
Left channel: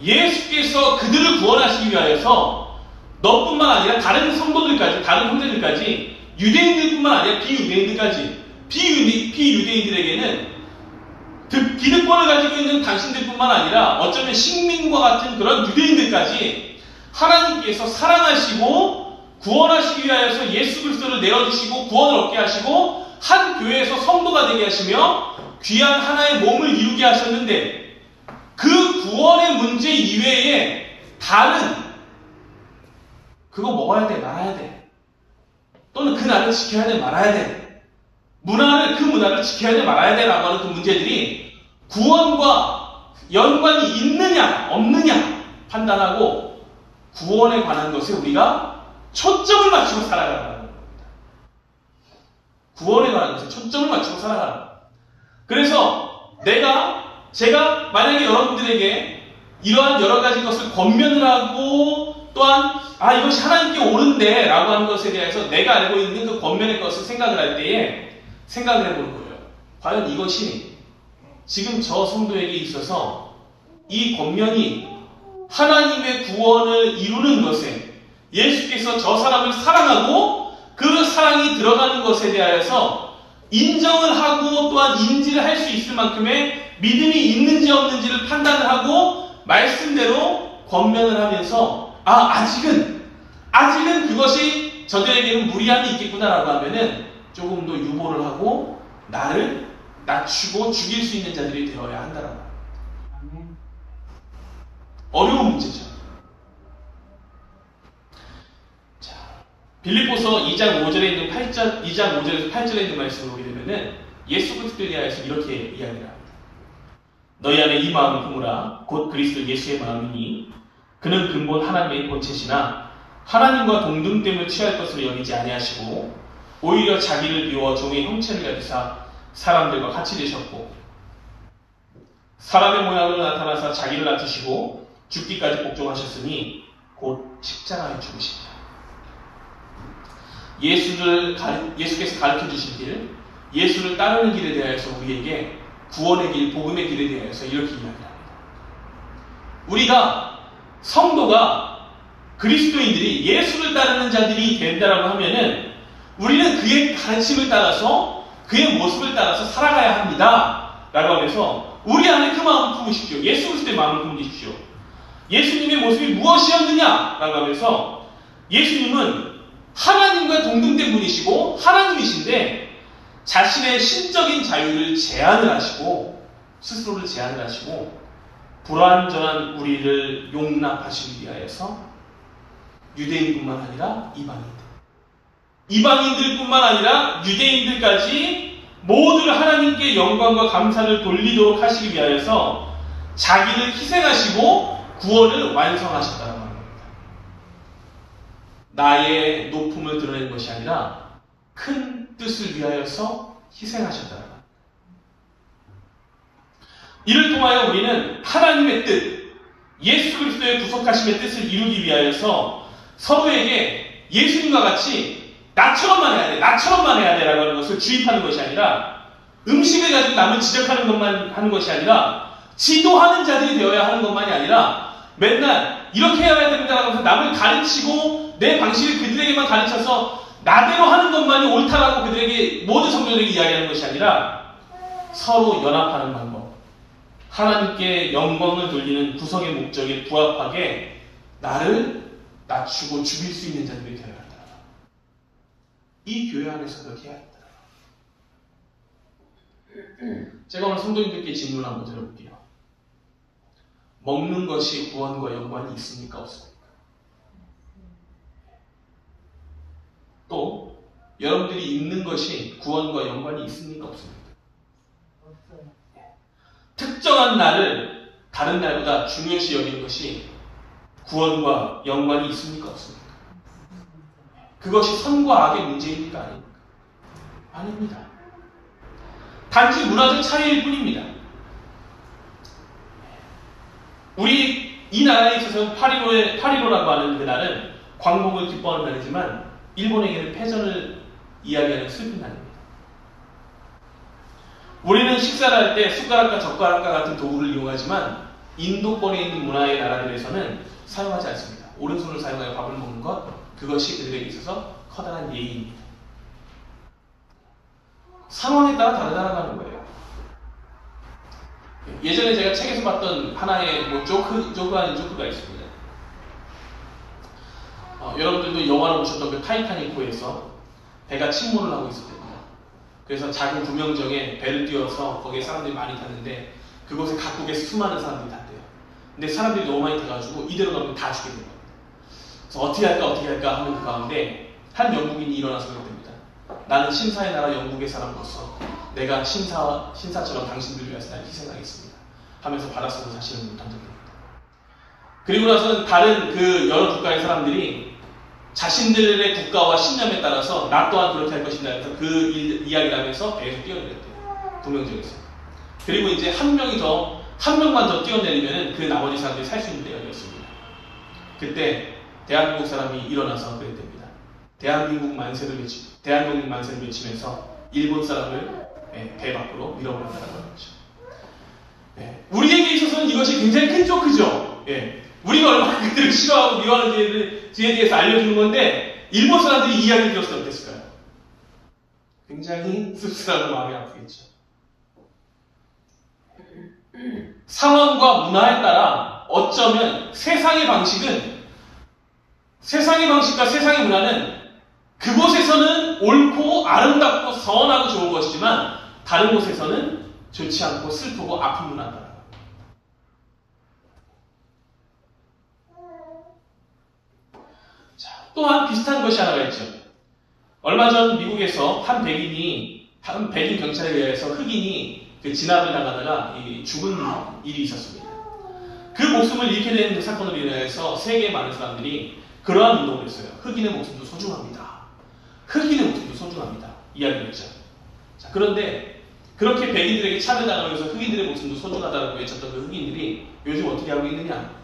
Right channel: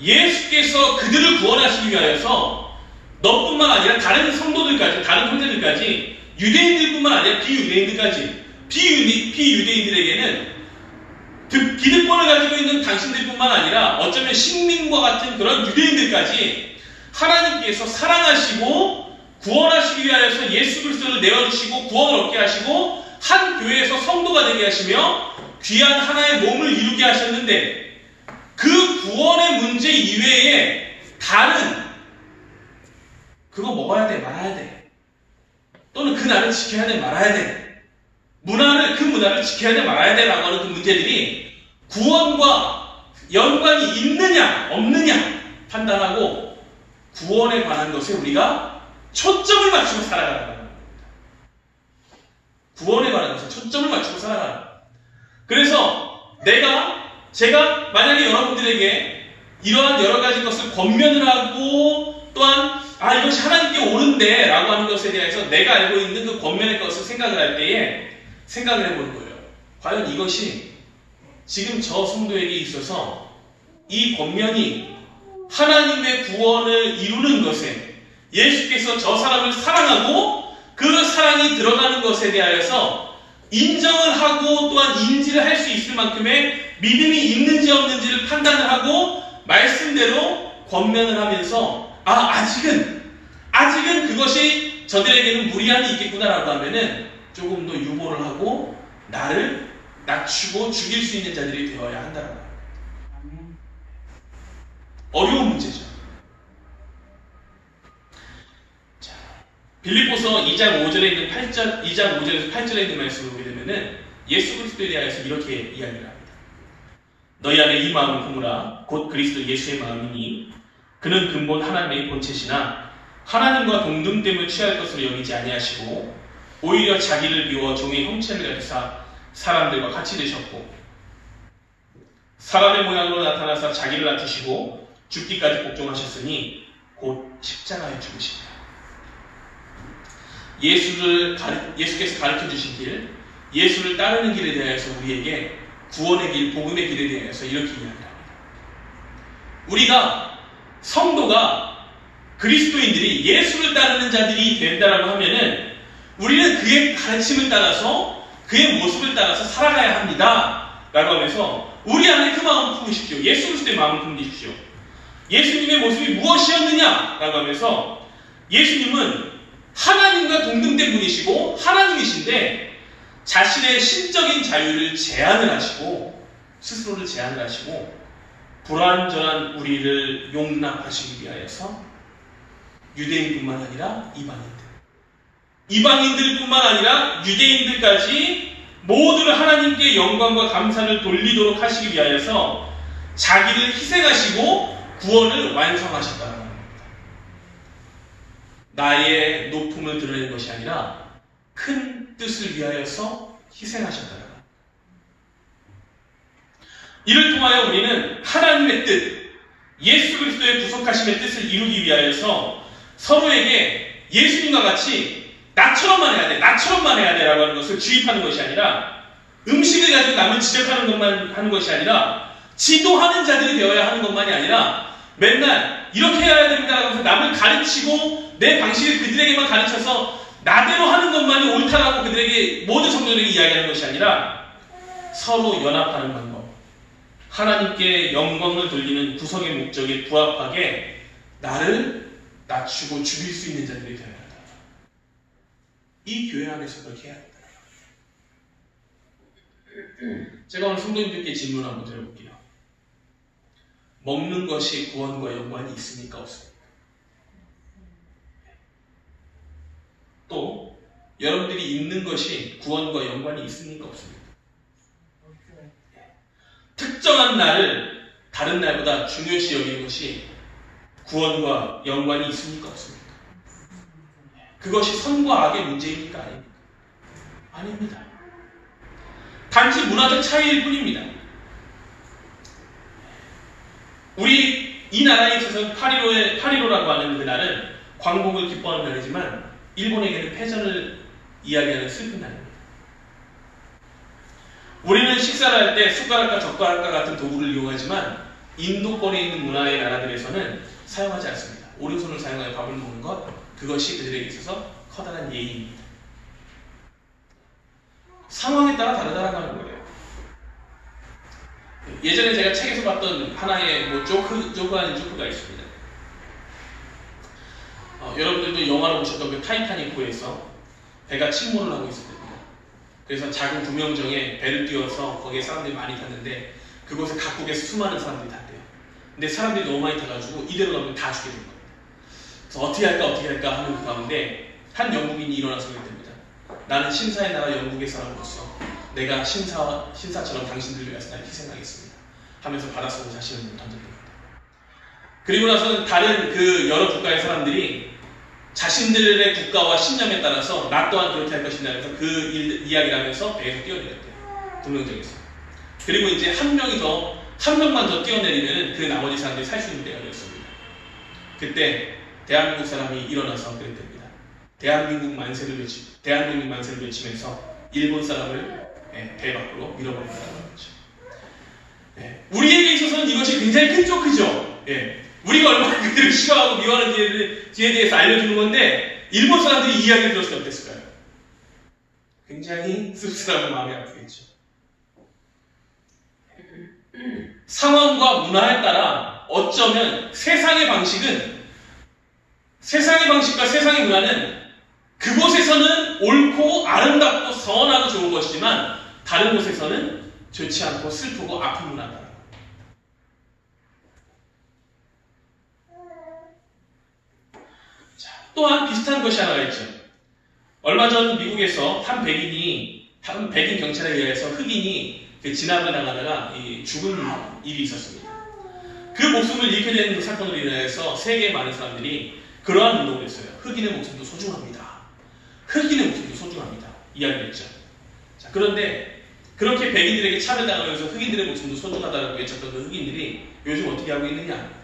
예수께서 그들을 구원하시기 위하여서 너뿐만 아니라 다른 성도들까지, 다른 형제들까지, 유대인들뿐만 아니라 비유대인들까지, 비유대인들에게는 기득권을 가지고 있는 당신들뿐만 아니라 어쩌면 식민과 같은 그런 유대인들까지 하나님께서 사랑하시고 구원하시기 위하여서 예수 그리스도를 내어주시고 구원을 얻게 하시고 한 교회에서 성도가 되게 하시며 귀한 하나의 몸을 이루게 하셨는데, 그 구원의 문제 이외에 다른 그거 먹어야 돼 말아야 돼, 또는 그 날을 지켜야 돼 말아야 돼, 그 문화를 지켜야 돼 말아야 돼라고 하는 그 문제들이 구원과 연관이 있느냐 없느냐 판단하고 구원에 관한 것에 우리가 초점을 맞추고 살아가는 겁니다. 구원에 관한 것에 초점을 맞추고 살아가는. 그래서 제가 만약에 여러분들에게 이러한 여러 가지 것을 권면을 하고 또한 이것이 하나님께 옳은데 라고 하는 것에 대해서 내가 알고 있는 그 권면의 것을 생각을 할 때에 생각을 해보는 거예요. 과연 이것이 지금 저 성도에게 있어서 이 권면이 하나님의 구원을 이루는 것에 예수께서 저 사람을 사랑하고 그 사랑이 들어가는 것에 대하여서 인정을 하고 또한 인지를 할 수 있을 만큼의 믿음이 있는지 없는지를 판단을 하고 말씀대로 권면을 하면서 아직은 그것이 저들에게는 무리함이 있겠구나라고 하면은 조금 더 유보를 하고 나를 낮추고 죽일 수 있는 자들이 되어야 한다라고 합니다. 어려운 문제죠. 자, 빌립보서 2장 5절에 있는 2장 5절에서 8절에 있는 말씀을 보게 되면은 예수 그리스도에 대해서 이렇게 이야기를 합니다. 너희 안에 이 마음을 품으라. 곧 그리스도 예수의 마음이니 그는 근본 하나님의 본체시나 하나님과 동등됨을 취할 것으로 여기지 아니하시고 오히려 자기를 비워 종의 형체를 가지사 사람들과 같이 되셨고 사람의 모양으로 나타나사 자기를 낮추시고 죽기까지 복종하셨으니 곧 십자가에 죽으시니라. 예수께서 가르쳐 주신 길, 예수를 따르는 길에 대해서 우리에게 구원의 길, 복음의 길에 대해서 이렇게 이야기합니다. 우리가 성도가 그리스도인들이 예수를 따르는 자들이 된다라고 하면은 우리는 그의 가르침을 따라서 그의 모습을 따라서 살아가야 합니다. 라고 하면서 우리 안에 그 마음을 품으십시오. 예수 그리스도의 마음을 품으십시오. 예수님의 모습이 무엇이었느냐? 라고 하면서 예수님은 하나님과 동등된 분이시고 하나님이신데 자신의 신적인 자유를 제한을 하시고 스스로를 제한을 하시고 불완전한 우리를 용납하시기 위하여서 유대인뿐만 아니라 이방인들뿐만 아니라 유대인들까지 모두를 하나님께 영광과 감사를 돌리도록 하시기 위하여서 자기를 희생하시고 구원을 완성하셨다는 겁니다. 나의 높음을 드러내는 것이 아니라 큰 뜻을 위하여서 희생하셨다는 겁니다. 이를 통하여 우리는 하나님의 뜻, 예수 그리스도의 구속하심의 뜻을 이루기 위하여서 서로에게 예수님과 같이 나처럼만 해야 돼 라고 하는 것을 주입하는 것이 아니라 음식을 가지고 남을 지적하는 것만 하는 것이 아니라 지도하는 자들이 되어야 하는 것만이 아니라 맨날 이렇게 해야 됩니다 라고 해서 남을 가르치고 내 방식을 그들에게만 가르쳐서 나대로 하는 것만이 옳다라고 그들에게 모든 성도들에게 이야기하는 것이 아니라 서로 연합하는 방법, 하나님께 영광을 돌리는 구성의 목적에 부합하게 나를 낮추고 죽일 수 있는 자들이 되어야 한다. 이 교회 안에서 그렇게 해야 한다. 제가 오늘 성도님들께 질문 한번 드려볼게요. 먹는 것이 구원과 연관이 있습니까? 없습니까? 또 여러분들이 입는 것이 구원과 연관이 있습니까? 없습니까? 없어요. 특정한 날을 다른 날보다 중요시 여기는 것이 구원과 연관이 있습니까? 없습니까? 그것이 선과 악의 문제입니까? 아닙니까? 아닙니다. 단지 문화적 차이일 뿐입니다. 우리 이 나라에 있어서 8.15라고 하는 그날은 광복을 기뻐하는 날이지만 일본에게는 패전을 이야기하는 슬픈 날입니다. 우리는 식사를 할 때 숟가락과 젓가락과 같은 도구를 이용하지만 인도권에 있는 문화의 나라들에서는 사용하지 않습니다. 오른손을 사용하여 밥을 먹는 것, 그것이 그들에게 있어서 커다란 예의입니다. 상황에 따라 다르다라고 하는 거예요. 예전에 제가 책에서 봤던 하나의 조크 아닌 조크가 있습니다. 여러분들도 영화로 보셨던 그 타이타닉호에서 배가 침몰을 하고 있었거든요. 그래서 작은 구명정에 배를 띄워서 거기에 사람들이 많이 탔는데 그곳에 각국에서 수많은 사람들이 탔대요. 근데 사람들이 너무 많이 타가지고 이대로 가면 다 죽게 된 거예요. 그래서 어떻게 할까 하는 그 가운데 한 영국인이 일어나서 그랬답니다. 나는 신사의 나라 영국의 사람으로서 내가 신사처럼 당신들을 위해서 날 희생하겠습니다 하면서 바닷속으로 자신을 던져줍니다. 그리고 나서는 다른 그 여러 국가의 사람들이 자신들의 국가와 신념에 따라서 나 또한 그렇게 할 것이다 해서 그 이야기를 하면서 배에서 뛰어내렸대요. 동명정에서. 그리고 이제 한 명만 더 뛰어내리면 그 나머지 사람들이 살 수 있는 때가 되었습니다. 그때 대한민국 사람이 일어나서 그랬답니다. 대한민국 만세를 외치면서 일본 사람을 배 밖으로 밀어버린다는 거죠. 우리에게 있어서는 이것이 굉장히 큰 쇼크죠. 우리가 얼마나 그들을 싫어하고 미워하는지에 대해서 알려주는 건데 일본 사람들이 이 이야기를 들었으면 어땠을까요? 굉장히 씁쓸하고 마음이 아프겠죠. 상황과 문화에 따라 어쩌면 세상의 방식과 세상의 문화는 그곳에서는 옳고 아름답고 선하고 좋은 것이지만 다른 곳에서는 좋지 않고 슬프고 아픈 문화다. 또한 비슷한 것이 하나가 있죠. 얼마 전 미국에서 한 백인 경찰에 의해서 흑인이 진압을 당하다가 죽은 일이 있었습니다. 그 목숨을 잃게 된 사건으로 인해서 세계의 많은 사람들이 그러한 운동을 했어요. 흑인의 목숨도 소중합니다. 흑인의 목숨도 소중합니다. 이야기를 했죠. 자, 그런데 그렇게 백인들에게 차별당하면서 흑인들의 목숨도 소중하다고 외쳤던 그 흑인들이 요즘 어떻게 하고 있느냐?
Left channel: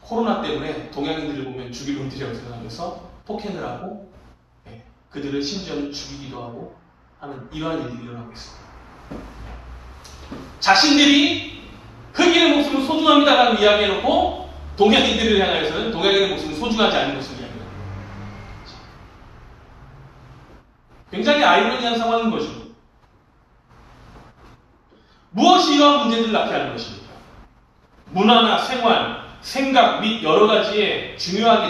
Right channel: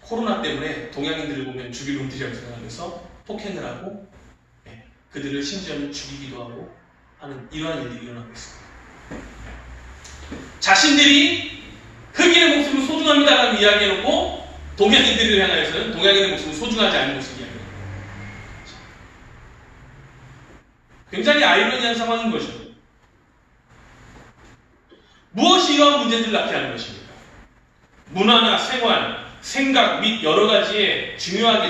코로나 때문에 동양인들을 보면 죽일 놈들이라고 생각하면서 폭행을 하고 그들을 심지어는 죽이기도 하고 하는 이러한 일들이 일어나고 있습니다. 자신들이 흑인의 목숨은 소중합니다라고 이야기해놓고 동양인들을 향하여서는 동양인의 목숨은 소중하지 않은 것을 이야기합니다. 굉장히 아이러니한 상황인 거죠. 무엇이 이러한 문제들을 낳게 하는 것입니까? 문화나 생활, 생각 및 여러 가지의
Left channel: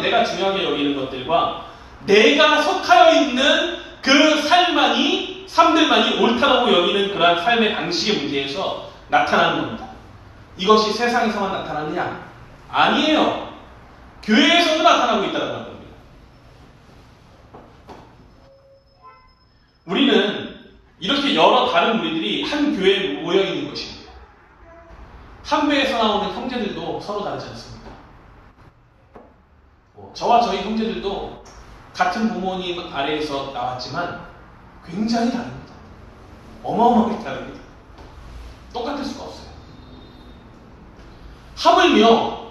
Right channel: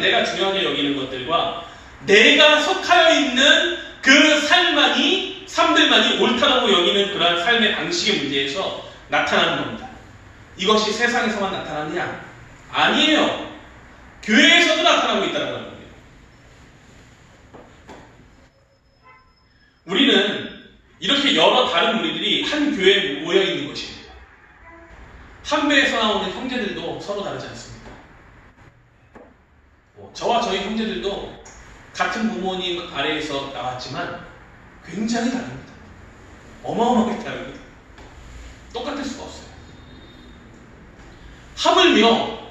내가 중요하게 여기는 것들과 내가 속하여 있는 그 삶들만이 옳다고 여기는 그러한 삶의 방식의 문제에서 나타나는 겁니다. 이것이 세상에서만 나타나느냐? 아니에요. 교회에서도 나타나고 있다는 겁니다. 우리는 이렇게 여러 다른 무리들이 한 교회에 모여 있는 것입니다. 한 배에서 나오는 형제들도 서로 다르지 않습니다. 저와 저희 형제들도 같은 부모님 아래에서 나왔지만 굉장히 다릅니다. 어마어마하게 다릅니다. 똑같을 수가 없어요. 하물며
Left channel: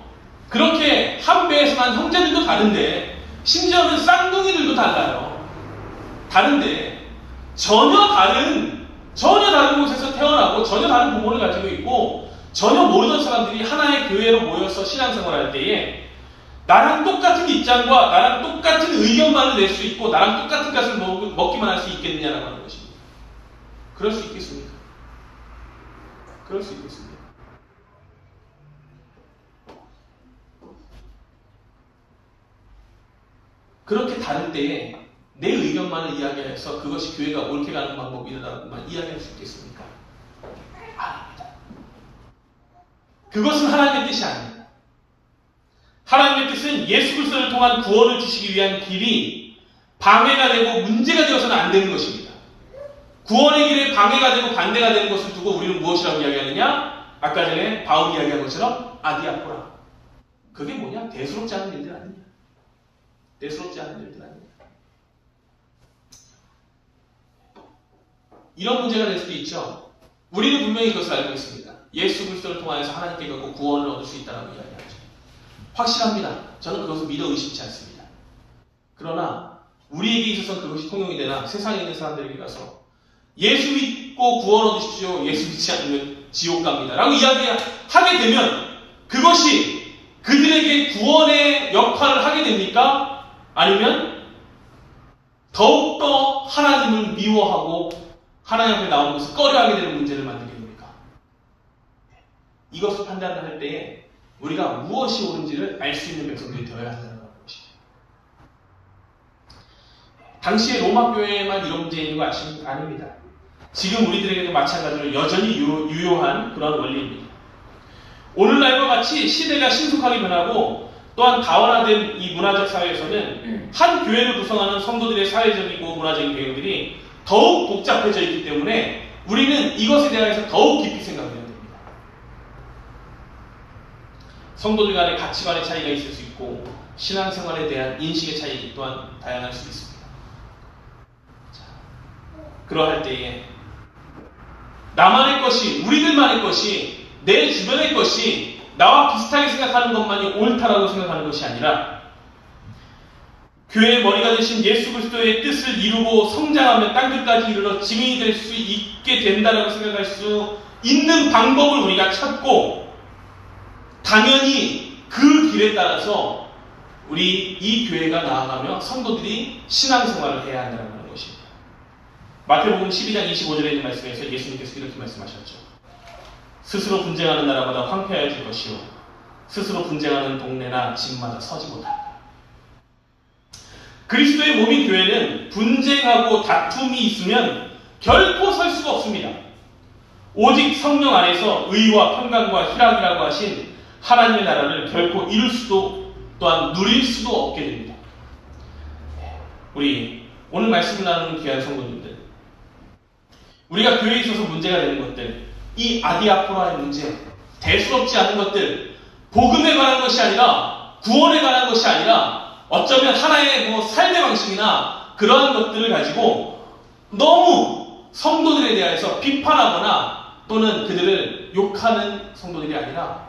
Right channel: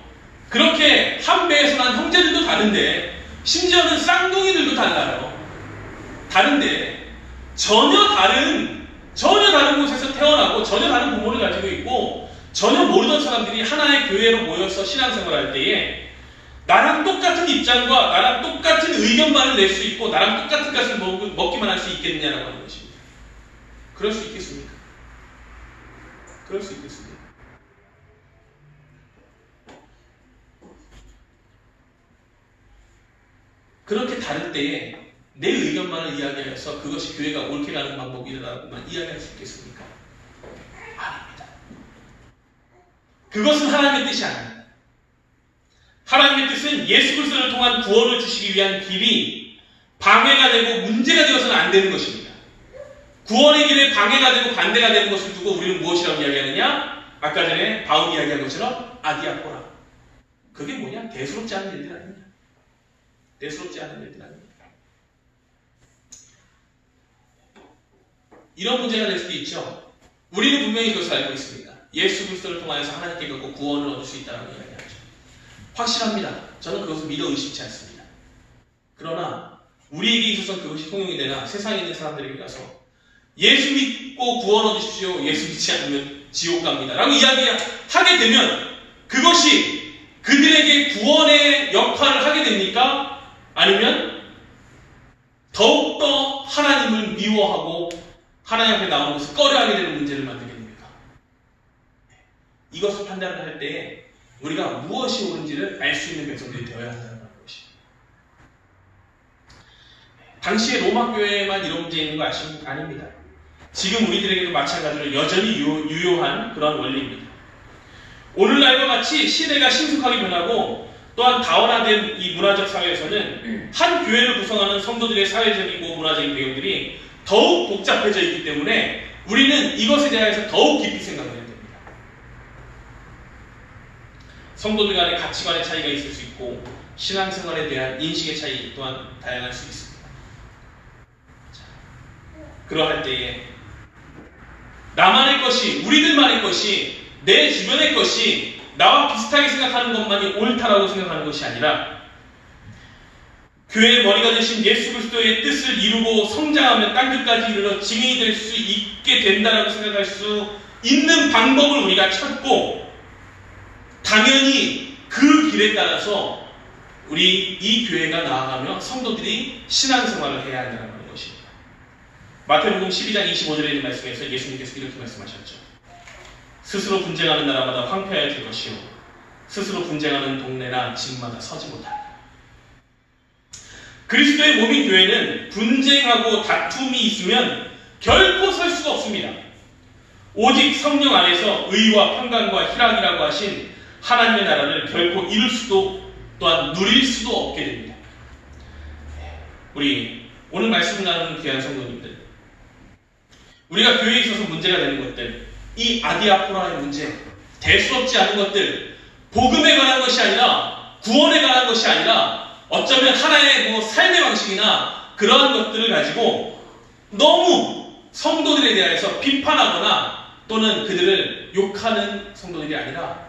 그렇게 한 배에서 난 형제들도 다른데 심지어는 쌍둥이들도 달라요. 다른데 전혀 다른 곳에서 태어나고 전혀 다른 부모를 가지고 있고 전혀 모르던 사람들이 하나의 교회로 모여서 신앙생활을 할 때에 나랑 똑같은 입장과 나랑 똑같은 의견만을 낼 수 있고 나랑 똑같은 것을 먹기만 할 수 있겠느냐라고 하는 것입니다. 그럴 수 있겠습니까? 그럴 수 있겠습니까? 그렇게 다를 때에 내 의견만을 이야기해서 그것이 교회가 옳게 가는 방법이라고만 이야기할 수 있겠습니까? 아닙니다. 그것은 하나님의 뜻이 아닙니다. 하나님의 뜻은 예수 그리스도를 통한 구원을 주시기 위한 길이 방해가 되고 문제가 되어서는 안 되는 것입니다. 구원의 길에 방해가 되고 반대가 되는 것을 두고 우리는 무엇이라고 이야기하느냐? 아까 전에 바울이 이야기한 것처럼 아디아포라. 그게 뭐냐? 대수롭지 않은 일들 아니냐? 대수롭지 않은 일들 아니냐? 이런 문제가 될 수도 있죠. 우리는 분명히 그것을 알고 있습니다. 예수 그리스도를 통하여서 하나님께 갖고 구원을 얻을 수 있다는 이야기하죠. 확실합니다. 저는 그것을 믿어 의심치 않습니다. 그러나 우리에게 있어서 그것이 통용이 되나 세상에 있는 사람들에게 가서 예수 믿고 구원 얻으십시오. 예수 믿지 않으면 지옥 갑니다. 라고 이야기하게 되면 그것이 그들에게 구원의 역할을 하게 됩니까? 아니면 더욱더 하나님을 미워하고 하나님 앞에 나오는 것을 꺼려하게 되는 문제를 만들게 됩니까? 이것을 판단을 할 때에 우리가 무엇이 옳은지를 알 수 있는 백성들이 되어야 한다는 것입니다. 당시에 로마 교회에만 이런 문제 있는 거 아닙니다. 지금 우리들에게도 마찬가지로 여전히 유효한 그런 원리입니다. 오늘날과 같이 시대가 신속하게 변하고 또한 다원화된 이 문화적 사회에서는 한 교회를 구성하는 성도들의 사회적이고 문화적인 배경들이 더욱 복잡해져 있기 때문에 우리는 이것에 대해서 더욱 깊이 생각해야 됩니다. 성도들 간의 가치관의 차이가 있을 수 있고 신앙생활에 대한 인식의 차이 또한 다양할 수 있습니다. 자, 그러할 때에 나만의 것이, 우리들만의 것이, 내 주변의 것이 나와 비슷하게 생각하는 것만이 옳다라고 생각하는 것이 아니라 교회의 머리가 되신 예수 그리스도의 뜻을 이루고 성장하며 땅끝까지 이르러 증인이 될 수 있게 된다라고 생각할 수 있는 방법을 우리가 찾고 당연히 그 길에 따라서 우리 이 교회가 나아가며 성도들이 신앙생활을 해야 한다는 것입니다. 마태복음 12장 25절에 있는 말씀에서 예수님께서 이렇게 말씀하셨죠. 스스로 분쟁하는 나라마다 황폐하여질 것이요 스스로 분쟁하는 동네나 집마다 서지 못한다. 그리스도의 몸인 교회는 분쟁하고 다툼이 있으면 결코 설 수가 없습니다. 오직 성령 안에서 의와 평강과 희락이라고 하신 하나님의 나라를 결코 이룰 수도 또한 누릴 수도 없게 됩니다. 우리 오늘 말씀을 나누는 귀한 성도님들, 우리가 교회에 있어서 문제가 되는 것들, 이 아디아포라의 문제, 대수롭지 않은 것들, 복음에 관한 것이 아니라 구원에 관한 것이 아니라 어쩌면 하나의 삶의 방식이나 그러한 것들을 가지고 너무 성도들에 대해서 비판하거나 또는 그들을 욕하는 성도들이 아니라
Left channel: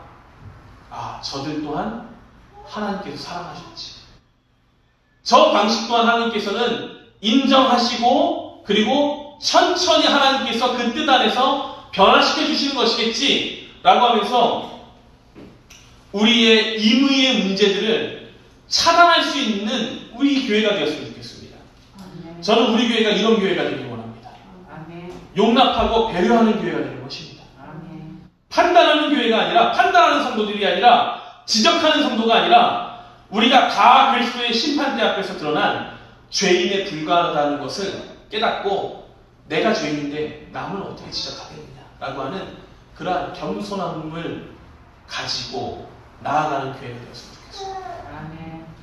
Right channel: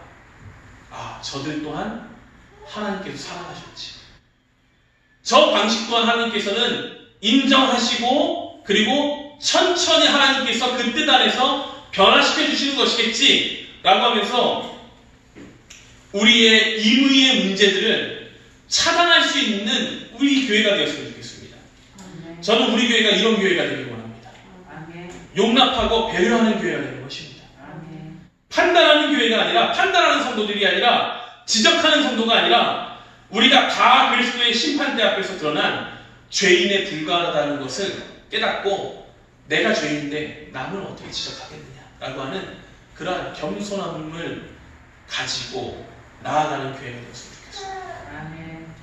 저들 또한 하나님께서 사랑하셨지. 저 방식 또한 하나님께서는 인정하시고 그리고 천천히 하나님께서 그 뜻 안에서 변화시켜 주시는 것이겠지 라고 하면서 우리의 임의의 문제들을 차단할 수 있는 우리 교회가 되었으면 좋겠습니다. 저는 우리 교회가 이런 교회가 되길 원합니다. 용납하고 배려하는 교회가 되는 것입니다. 판단하는 교회가 아니라, 판단하는 성도들이 아니라, 지적하는 성도가 아니라 우리가 다 그리스도의 심판대 앞에서 드러난 죄인에 불과하다는 것을 깨닫고 내가 죄인인데 남은 어떻게 지적하겠느냐라고 하는 그러한 겸손함을 가지고 나아가는 교회가 되었으면 좋겠습니다.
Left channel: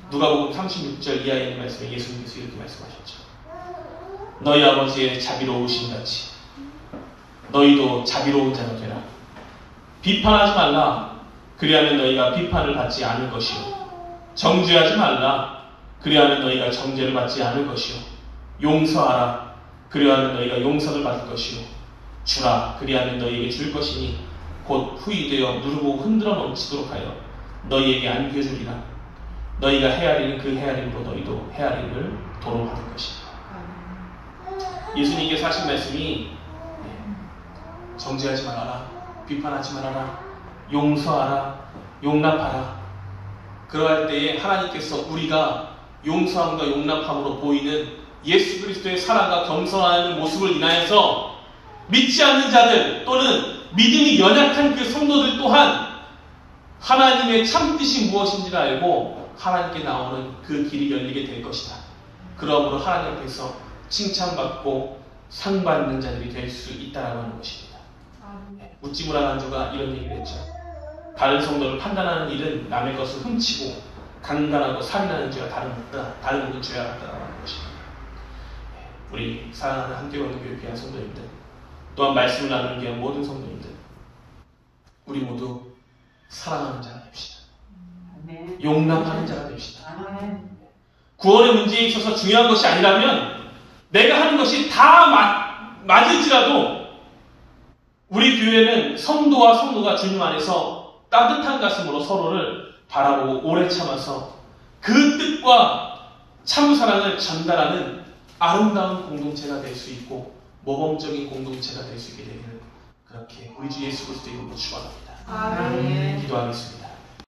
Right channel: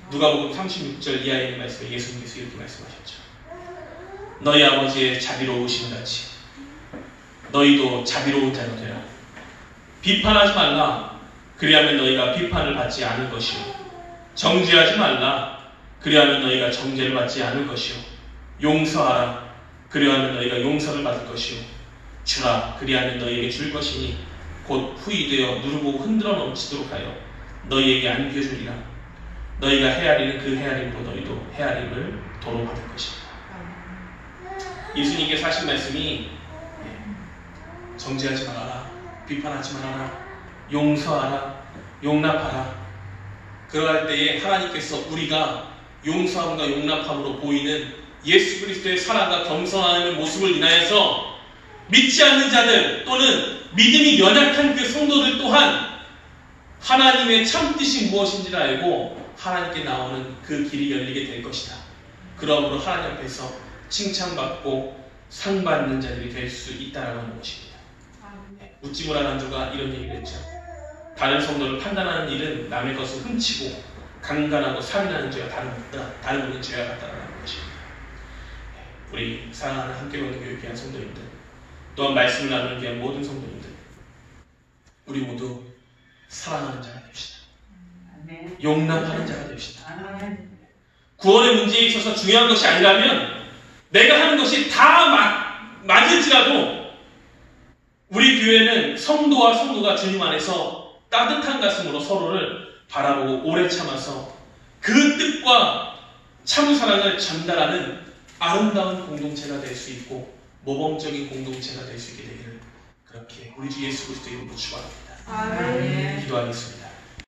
누가복음 36절 이하에 있는 말씀에 예수님께서 이렇게 말씀하셨죠. 너희 아버지의 자비로우신 같이 너희도 자비로운 자가 되라. 비판하지 말라. 그리하면 너희가 비판을 받지 않을 것이요. 정죄하지 말라. 그리하면 너희가 정죄를 받지 않을 것이요. 용서하라. 그리하면 너희가 용서를 받을 것이요. 주라. 그리하면 너희에게 줄 것이니 곧 후이되어 누르고 흔들어 넘치도록 하여 너희에게 안겨주리라. 너희가 헤아리는 그 헤아림으로 너희도 헤아림을 도로 받을 것이다. 예수님께서 하신 말씀이 정죄하지 말아라, 비판하지 말아라, 용서하라, 용납하라. 그러할 때에 하나님께서 우리가 용서함과 용납함으로 보이는 예수 그리스도의 사랑과 겸손하는 모습을 인하여서 믿지 않는 자들 또는 믿음이 연약한 그 성도들 또한 하나님의 참뜻이 무엇인지를 알고 하나님께 나오는 그 길이 열리게 될 것이다. 그러므로 하나님 앞에서 칭찬받고 상받는 자들이 될 수 있다라고 하는 것입니다. 우찌무라 난주가 이런 얘기를 했죠. 다른 성도를 판단하는 일은 남의 것을 훔치고 강간하고 살인하는 죄와 다름없는 죄와 같다라고 하는 것입니다. 우리 사랑하는 함께 오는 교회 귀한 성도님들, 또한 말씀을 나누는 귀한 모든 성도님들, 우리 모두 사랑하는 자가 됩시다. 용납하는 자가 됩시다. 구원의 문제에 있어서 중요한 것이 아니라면 내가 하는 것이 다 맞을지라도 우리 교회는 성도와 성도가 주님 안에서 따뜻한 가슴으로 서로를 바라보고 오래 참아서 그 뜻과 참 사랑을 전달하는 아름다운 공동체가 될 수 있고 모범적인 공동체가 될 수 있게 되기를 그렇게 우리 주 예수 그리스도 이름으로 축원합니다. 기도하겠습니다.